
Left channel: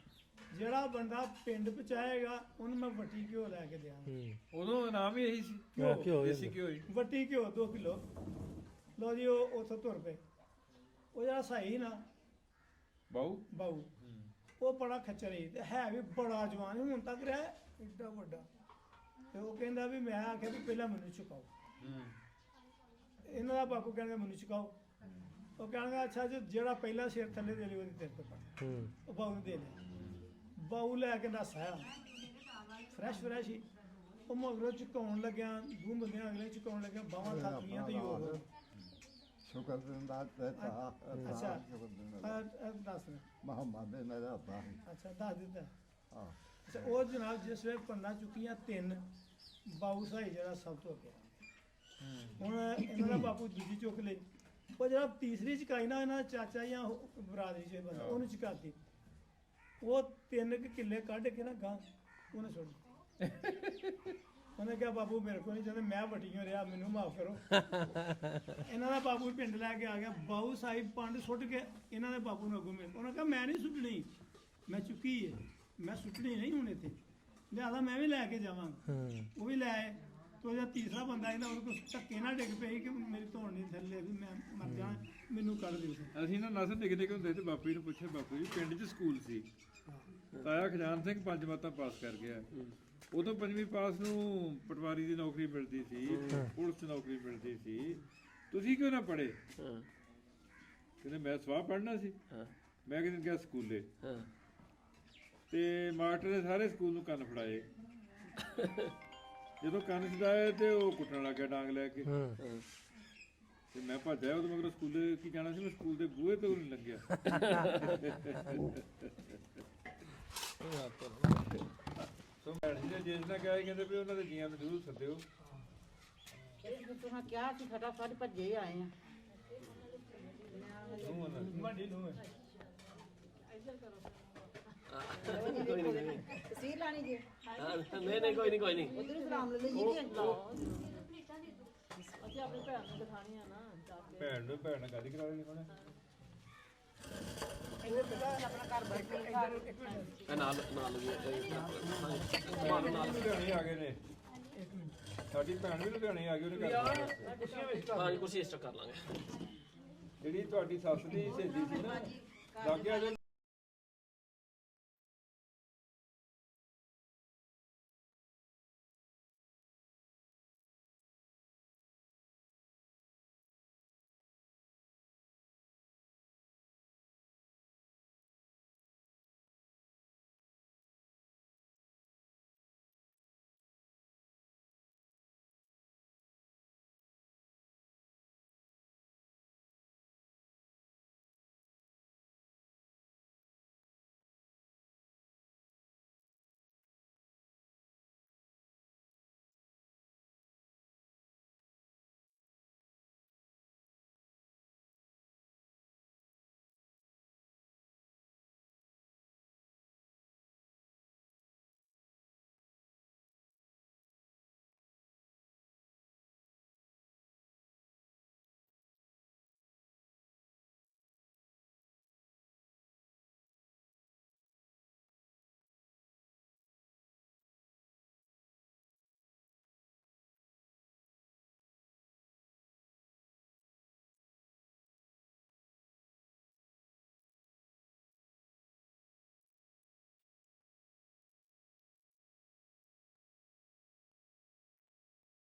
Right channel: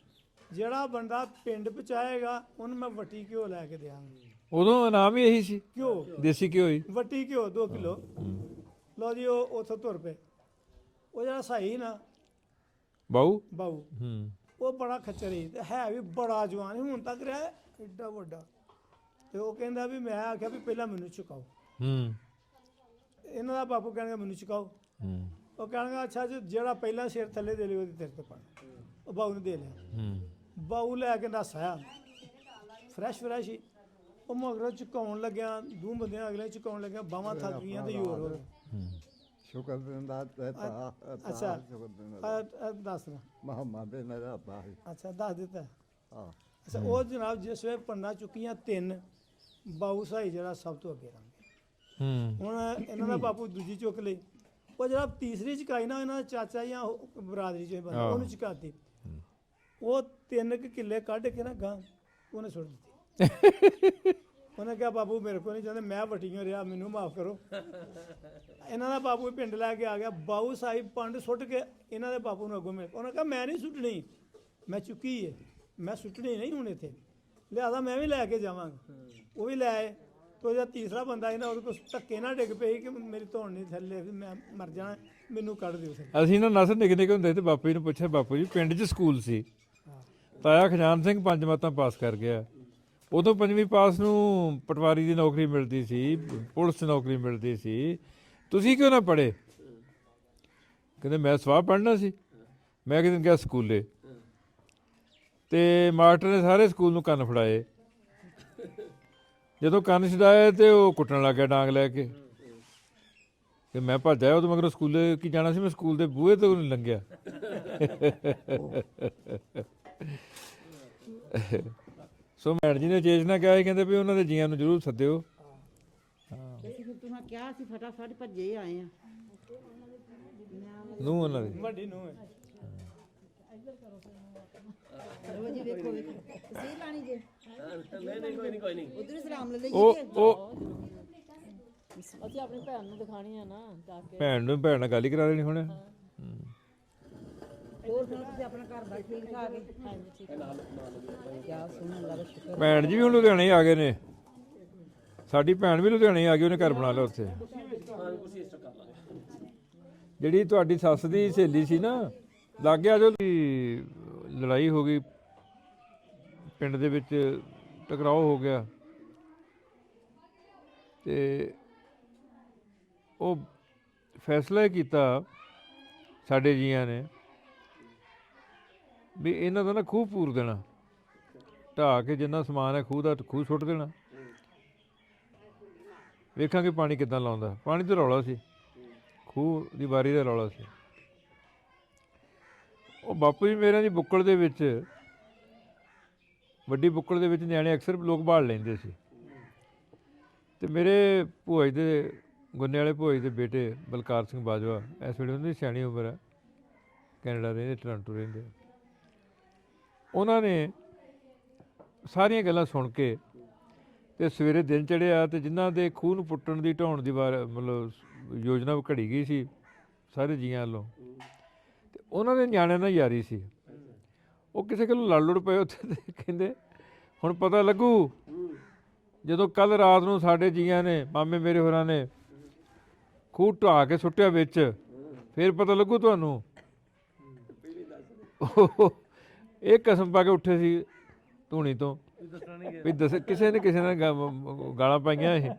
ਜਿਹੜਾ ਬੰਦਾ ਪਿੰਡ ਪਹੁੰਚਾਏਗਾ ਉਹਨੂੰ ਮੈਂ ਵੱਟੀ ਘਿਓ ਲੈ ਕੇ ਦਿਆਂਗਾ ਉਦੋਂ ਇਨਾਮ ਹੀ ਇਹੀ ਸੀ ਘਿਓ ਦੇਸੀ ਘਿਓ ਹੀ ਵੱਟੀ ਘਿਓ 2 ਕਿਲੋ ਲਓ ਜੀ ਉਹ ਉੱਥੋਂ ਤੁਰ ਪਏ ਉਹ ਜਿਹੜਾ ਸਹੀ ਨਾ ਬਾਊ ਬਾਊ ਉਹ ਬੜਾ ਖੱਚਰ ਸੀ ਤੇ ਹੈ ਵੀ ਬੜਾ ਜਵਾਨ ਸੀ, ਹੁਣ ਤੱਕ ਰਿਹਾ ਏਡਾ ਵੱਡਾ ਤੇ ਉਹ ਕਹਿੰਦਾ ਵੀ ਮੈਂ ਆਖਿਆ ਵੀ ਪਹਿਲਾਂ ਮੈਨੂੰ ਚੁਕਾਓ ਇਹਨਾਂ ਦਾ ਬਾਪੂ ਕਹਿਣਗੇ ਮੈਨੂੰ ਚੁਕਾਓ। ਉਹ ਕਹਿਣਗੇ ਅੱਛਾ ਜੀ ਜਿਹੜਾ ਪਹਿਲਾਂ ਸਿਰ ਥੱਲੇ ਦੇ ਲਿਓ ਉਹਦੀ ਤੇਰੇ ਤੋਂ ਪਾਣੀ। ਉਹ ਬਾਊ ਨੇ ਦੇ ਲਿਆ। ਬਾਊ ਲੈ ਕੇ ਨਸਾਇਆ ਫਰੈਸ਼ ਹੀ। ਉਹ ਮਗਰੋਂ ਝੁਕਾਉਣ ਲੱਗਿਆ, ਦੋ ਬੰਦਿਆਂ ਅਗਲੇ ਝੁਕਾਉਣ ਲੱਗਿਆ, ਬਾਹਾਂ ਥੱਕ ਗਈਆਂ ਤੇ ਹੋਰ ਸ਼ੁਕਰ ਦਿੰਦਾ ਤੇ ਅੱਛਾ ਦੱਸ ਨਾ ਮੁਹੰਮਦ ਦੇ ਮੇਰਾ ਬਾਰੀ ਅੱਛਾ ਦੱਸ ਦਿੱਤਾ। ਹਾਂ ਅੱਛਾ ਉਹ ਜਨਾਬ ਜਿਸ ਵੇਲੇ ਪੰਨਾ ਚੁੱਕੀਆਂ 3 ਬਾਊ ਸਾਈ ਜਿਹੜਾ ਸਭ ਤੋਂ ਅੱਗੇ ਰੰਗ ਹੁਣ ਇਹਨਾਂ ਦਾ ਬਾਪੂ ਦੂਜੀ ਚੁੱਕ ਲਈ। ਉਹ ਜਿਹੜਾ ਤੀਸਰੀ ਚੁਕਾਈ ਨਾ ਇਹਨਾਂ ਦਾ ਚਾਚਾ ਜਾਂ ਬਰਾਦਰੀ ਚ ਬੰਦਾ ਉਹਨੂੰ ਚੁਕਾਤੀ। ਉਹ 3 ਕਿੱਲੇ ਕੱਢ ਕੇ ਨਾ ਗਾਂ ਉਹਨੇ ਸੁੱਟ ਦਿੱਤੀ। ਉਹਨੇ ਕਿਹਾ ਬਾਬੂ ਮੇਰੇ ਕੋਲ ਨਹੀਂ ਚਾਹੁੰਦੇ, ਮੈਂ ਵਟੀਆਂ ਰਿਹਾ, ਮੈਨੂੰ ਮਾਫ ਕਰੋ। ਇਹਨਾਂ ਦਾ ਬਾਬੂ ਪਿੰਡ ਲੈ ਕੇ ਆ ਗਿਆ। ਬਾਊ ਸਾਹਿਬ ਪੰਡ ਸੁੱਟ ਕੇ ਇਹਨਾਂ ਦੇ ਬਾਪੂ ਨੂੰ ਅੱਗੋਂ ਮਿਲ। ਉਹਨੇ ਕਿਹਾ ਮੈਂ ਨਹੀਂ ਸੁੱਟਣੀ, ਮੈਂ ਚੁੱਕੀ ਹੈ, ਮੈਂ ਸੁੱਟਣੀ ਨਹੀਂ ਹੁਣ ਇੱਥੇ, ਲਿਆਦਾ ਮੈਂ ਵੀ ਲੈ ਕੇ ਜਾਵਾਂਗਾ। ਉਹ ਵੀ ਲੈ ਆਏ। ਤੋ ਜਿਹੜਾ ਤੀਸਰਾ ਬੰਦਾ ਸੀ ਨਾ ਉਹਦੇ ਕੋਲ ਧੱਕੇ ਨਾਲ ਡਿੱਗ ਪਈ ਕਿ ਮੇਰੀ ਧੌਣ ਨਹੀਂ ਥੱਲੇ, ਮੈਂ ਮਰ ਜਾਣਾ, ਮੈਨੂੰ ਕੱਢ ਦਿਓ। ਅਸੀਂ ਨਾ ਨਸਰ ਨਿੱਕੇ ਹੁੰਦੇ ਤੇ ਬਾਪੂ ਜੀ ਨੂੰ ਪੁੱਛਿਆ, ਬਾਪੂ ਜੀ ਪਿੰਡ 'ਚ ਸਕੂਲ ਸੀ, ਤਾਇਆ ਖਜ਼ਾਨ ਸਿੰਘ 5 ਮੱਤਾਂ ਪਾਸ ਕਰ ਗਿਆ। ਉਦੋਂ 5ਵੀਂ ਪਾਸ ਨੂੰ ਪਟਵਾਰੀ ਦੀ ਨੌਕਰੀ ਮਿਲਦੀ ਸੀ, ਪੁਲਿਸ 'ਚ ਨੌਕਰੀ ਮਿਲਦੀ ਸੀ, ਤੁਸੀਂ ਕਿਉਂ ਨਾ ਪੜ੍ਹੇ? ਕਹਿੰਦੇ ਮੈਂ ਸਵਾਹ ਪੜ੍ਹਨਾ ਸੀ। ਮੈਂ ਕਿਤੇ ਗਿਆ ਸਕੂਲੇ ਤੇ ਮਾਸਟਰ ਨੇ ਸਾਰੇ ਸਕੂਲ ਨੂੰ ਕੰਨ ਫੜਾਏ। ਜਦੋਂ ਕੰਨ ਛਡਾਏ ਤੇ ਉਹ ਕੁੱਟਣ ਲੱਗ ਗਿਆ ਡਾਂਗ ਲੈ ਕੇ। ਤੇ ਮੈਂ ਭੱਜ ਆਇਆ। ਉਦੋਂ ਮਗਰੋਂ ਸਕੂਲੇ ਕੀ ਜਾਣਾ ਸੀ, ਮੈਂ ਸਕੂਲ ਦੇ ਬੂਹੇ ਤੋਂ ਨਹੀਂ ਲੰਘਿਆ। ਸੋ ਮੈਡਮ ਜੀ ਨੇ ਚੇਚਨਾ ਕਿਹਾ ਸੀ, ਕਹਿੰਦੇ ਵੀ ਉਹਨਾਂ ਦੇ ਜੀਆਂ ਨੂੰ ਜ਼ਰੂਰ ਸੱਦਿਓ। ਤੂੰ ਕਿਹਾ ਸੀ ਫਟਾਫਟ ਭੱਜੇ ਆਏ ਆ। ਨੂੰ ਉਹਨਾਂ ਦੀ ਵੱਡੀ ਨੂੰ ਹੈ। ਤਸੀਰ ਲਾਣੀ ਜੀ ਨਹੀਂ ਕੋਈ ਨਹੀਂ ਉਧਰ ਸਲਾਮ ਲੈ ਲਈ। ਉਹ ਅਸੀਂ ਆਪਣੀ ਭੈਣ ਨੂੰ ਦਿਖਾਣੀ ਆ ਨਾ ਜਾ ਕੇ। ਭੈਣ ਨਾਲ ਗੱਲ ਹੀ ਕਰਾ ਲੈਣੀ ਹੁਣ। ਆਪਣਾ ਘਰ ਬੈਠੇ ਭੈਣ ਜੀ ਵੀ ਹੁਣ ਲੁਧਿਆਣੇ ਆ ਗਏ ਨੇ। ਸਾਡੀ ਭੈਣ ਵੀ ਲੁਧਿਆਣੇ ਆ ਗਈ, ਉਹਨੇ ਘਰ ਬਣਾ ਲਿਆ ਉੱਥੇ। ਹਾਂ ਕੁਰਸੀ ਇਸ ਕਰ ਲਾਂਗੇ। ਜਿਹੜੀ ਤੁਹਾਡੀ ਸੱਸ ਦੀ ਸਹੇਲੀ ਸੀ ਨਾ, ਲੱਗ ਗਿਆ ਜੋ ਲੜਾਈ ਹੋ ਗਈ ਪਿੰਡ ਦੇ ਵਿੱਚ, ਟਕਰਾਓ ਹੋ ਗਿਆ ਤੇ ਉਹ ਫੈਸਲਾ ਕੀਤਾ ਸਾਡੇ ਜੀਆਂ ਨੇ ਵੀ ਇਹਨਾਂ ਦਾ ਨਾ ਖੂਹ ਪੂਰ ਦੇਣਾ, ਢਾਹ ਕੇ ਜਿੰਨਾ ਸਮਾਨ ਹੈ ਖੂਹ ਦਾ ਖੂਹ ਸੁੱਟ ਦੇਣਾ, ਵੇਖਾਂਗੇ ਪਾਣੀ ਕਿੱਦਾਂ ਲਾਉਂਦਾ। ਪਾਣੀ ਤੇ ਰੌਲਾ ਸੀ, ਖੂਹ ਦੀ ਵਾਰੀ ਦਾ ਰੌਲਾ ਸੀ। ਉਹ ਬਾਪੂ ਜੀ ਮੇਰਿਆਂ ਦੀ ਬੁੱਕਲ ਦੇ ਵਿੱਚ, ਵੱਡੀ ਬੁੱਕਲ ਦੇ ਵਿੱਚ ਨਿਆਣੇ ਅਕਸਰ ਲੋਕ ਬਾਲ ਲੈਂਦੇ ਸੀ। ਤੇ ਮੇਰੇ ਭੂਆ ਜੀ ਦੇ, ਗੁੰਨੇ ਵਾਲੇ ਭੂਆ ਜੀ ਦੇ ਬੇਟੇ ਬਲਕਾਰ ਸਿੰਘ ਬਾਜਵਾ, ਇਸ ਵੇਲੇ ਉਹਨਾਂ ਦੀ ਸਿਆਣੀ ਉਮਰ ਹੈ, ਕੈਨੇਡਾ ਰਹਿੰਦੇ, ਟੋਰਾਂਟੋ ਰਹਿੰਦੇ। ਉਹਨਾਂ ਨੇ ਸਾਰੀਆਂ ਗੱਲਾਂ ਸੁਣ ਕੇ ਤੇ ਸਵੇਰੇ ਦਿਨ ਚੜ੍ਹਿਆ ਤੇ ਜਿਨ੍ਹਾਂ ਦੇ ਖੂਹ ਨੂੰ ਪੁੱਟਣ ਦੀ, ਢਾਉਣ ਦੀ ਮਤਲਬ ਯੋਜਨਾ ਘੜੀ ਗਈ ਸੀ ਸਾਰੇ ਜੀਆਂ ਵੱਲੋਂ, ਤੇ ਉਹਨਾਂ ਦੇ ਨਿਆਣਿਆਂ ਨਾਲ ਯਾਰੀ ਸੀ। ਉਹ ਕਿਸੇ ਕੋਲ ਲੜ ਲੁੜ ਪਏ ਉੱਥੇ ਤੇ ਕਹਿੰਦੇ ਹੁਣ ਪਤਾ ਲੱਗੂ ਜਦੋਂ ਕੱਲ ਰਾਤ ਨੂੰ ਸਾਡੇ ਜੀਆਂ ਨੇ, ਮਾਮੇ ਮੇਰੇ ਹੋਰਾਂ ਨੇ ਖੂਹ ਢਾਹ ਕੇ ਸੁੱਟਿਆ ਵਿੱਚ, ਫਿਰ ਪਤਾ ਲੱਗੂ ਤੁਹਾਨੂੰ। ਇਹ ਕਸਮ ਪਾ ਕੇ ਉੱਠੇ ਸੀ ਧੂਣੀ ਤੋਂ ਵੀ ਦੱਸ, ਕਿਸੇ ਨੇ ਗਾਲਾਂ ਪਾਈਆਂ ਇਹ।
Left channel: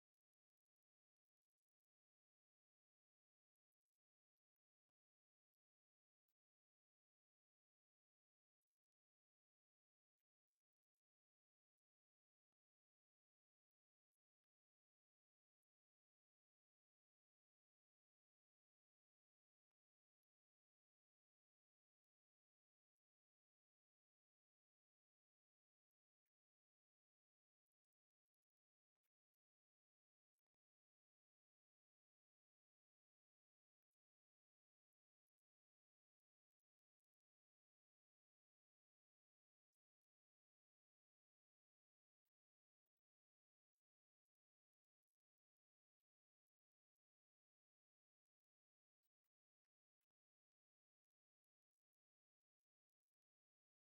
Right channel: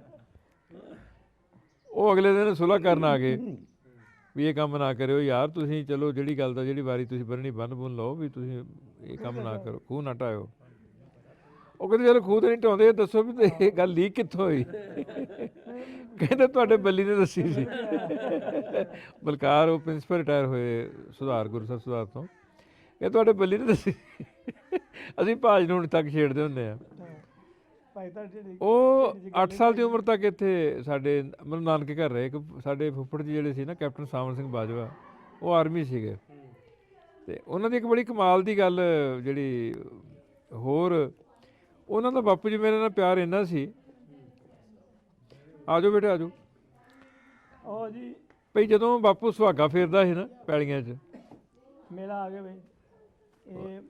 ਉਹ ਅਗਲੇ ਦਿਨ ਸੁਲ੍ਹਾ ਕਰਨ ਆ ਗਏ ਵੀ ਇਹ ਕੰਮ ਨਾ ਕਰਿਓ ਯਾਰ, ਤੁਸੀਂ ਚਲੋ ਜਿਹੜੀ ਗੱਲ ਦਾ, ਜਿਹੜੀ ਵਾਰੀ ਤੁਸੀਂ ਬੰਨਣੀ ਬੰਨ ਬੁੰਨ ਲਓ, ਵੀ ਤੁਸੀਂ ਇਹ ਕੰਮ ਨਾ ਕਰੋ, ਖੂਹ ਨਾ ਢਾਇਓ। ਉਹ ਕਹਿੰਦੇ ਚਲੋ ਖੂਹ ਤੇ ਨਹੀਂ ਢਾਉਂਦੇ, ਇਹ ਦੱਸੋ ਵੀ ਇਹ ਗੱਲ ਲੀਕ ਕਿੱਥੋਂ ਹੋਈ? ਕਹਿੰਦੇ ਤੁਹਾਡੇ ਬੱਲੀ ਨੇ ਦੱਸੀ ਸੀ। ਬਲਕਾਰ ਉਹ ਪ੍ਰਿੰਸੀਪਲ ਰਿਟਾਇਰ ਹੋਏ ਸੁਧਾਰ, ਗੁਰੂ ਸਾਹਿਬ ਸੁਧਾਰ ਤੋਂ, ਇਹ ਤੁਹਾਡੇ ਬੱਲੀ ਨੇ ਦੱਸੀ। ਅਸੀਂ ਭਾਜ ਨੂੰ ਹੁਣ ਤੱਕ ਛੇੜਦੇ ਹੁੰਦੇ ਆ। ਉਹ 8 ਸਾਲ ਦੀ ਉਮਰ ਤੱਕ ਇੱਥੇ ਸਾਡੇ ਮਤਲਬ ਨਾਨਕੇ ਘਰ ਰਹੇ। ਇੱਕ ਸਾਡੇ ਫੁੱਫੜ ਜੀ ਜਿਹੜੇ ਸੀ ਨਾ, ਕੈਪਟਨ ਸਾਵਣ ਸਿੰਘ ਬਾਜਵਾ, ਉਹ ਆਰਮੀ ਸੀਗੇ। ਤੇ ਉਹਨਾਂ ਦੀ ਇੱਕ ਬੜੀ ਕਮਾਲ ਦੀ ਗੱਲ ਜਿਹੜੀ ਹੋਰ, ਉਹਨਾਂ ਦਾ ਬਾਪੂ ਜੀ ਮੇਰੇ ਨਾਲ ਪਿਆਰ ਇੰਨਾ ਸੀ। ਆ ਜਾਓ ਬੇਟੇ ਆ ਜਾਓ। ਉਹ ਜੀ ਭਈ ਜਦੋਂ ਬਾਪੂ ਸੁਹਾਗਾ ਫੇਰਦਾ ਸੀ ਨਾ ਪੈਲੀਆਂ 'ਚ, ਮੇਰਾ ਆ ਗਿਆ ਬਈ, ਇਹ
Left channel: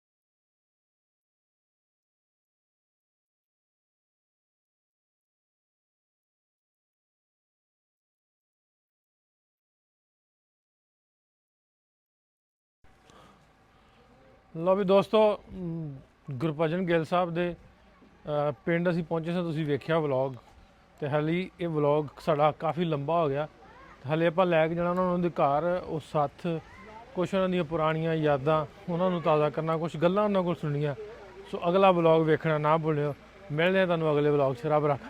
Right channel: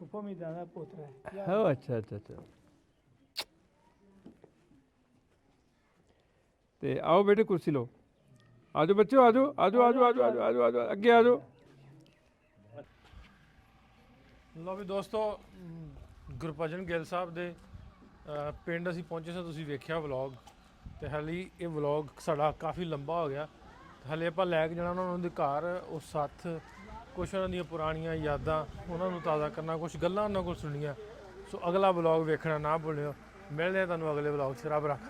ਫੁੱਫੋ ਮੀਦਾ ਦਾ ਪੁੱਤਰ ਹੈ। ਹਾਂ ਅੱਛਾ ਅੱਛਾ ਅੱਛਾ। ਤੇ ਆਓ ਬੇਟੇ ਕੁਰਸੀ ਲਓ, ਆ ਜਾਓ ਬੱਚਿਓ, ਆ ਜਾਓ ਆ ਜਾਓ ਆ ਜਾਓ ਆ ਜਾਓ ਆ ਜਾਓ ਆ ਜਾਓ, ਅੱਗੇ ਆ ਜਾਓ। ਲਓ ਵੀ ਦੋਸਤੋ, ਗੁਰਭਜਨ ਗਿੱਲ ਸਾਹਿਬ ਦੇ ਪਿੰਡ ਅਸੀਂ ਪਹੁੰਚੇ ਸਾਂ। ਤੁਸੀਂ ਵੇਖਿਆ ਵਲੌਗ, ਤੇ ਹਾਲੇ ਇਹ ਵਲੌਗ ਸਾਡਾ ਕਾਫੀ ਲੰਬਾ ਹੋ ਗਿਆ। ਹਾਲੇ ਆਪਾਂ ਲੈ ਕੇ ਜਾਣਾ ਉਹਨਾਂ ਦੇ ਘਰ, ਉਹ ਸਾਥ ਕੁਛ ਉਹਨਾਂ ਦੀਆਂ ਪੁਰਾਣੀਆਂ ਯਾਦਾਂ ਉਹਨਾਂ ਨੂੰ ਤਾਜ਼ਾ ਕਰਨਾ, ਕੁਛ ਗੱਲਾਂ ਉਹਨਾਂ ਕੋਲ ਸੁਣਨੀਆਂ। ਸੋ ਅਗਲਾ ਵਲੌਗ ਵੇਖਣਾ ਨਾ ਭੁੱਲਿਓ। ਮਿਲਦੇ ਹਾਂ ਤੁਹਾਨੂੰ ਅਗਲੇ ਵਲੌਗ 'ਚ। ਰੱਬ ਰੱਖ।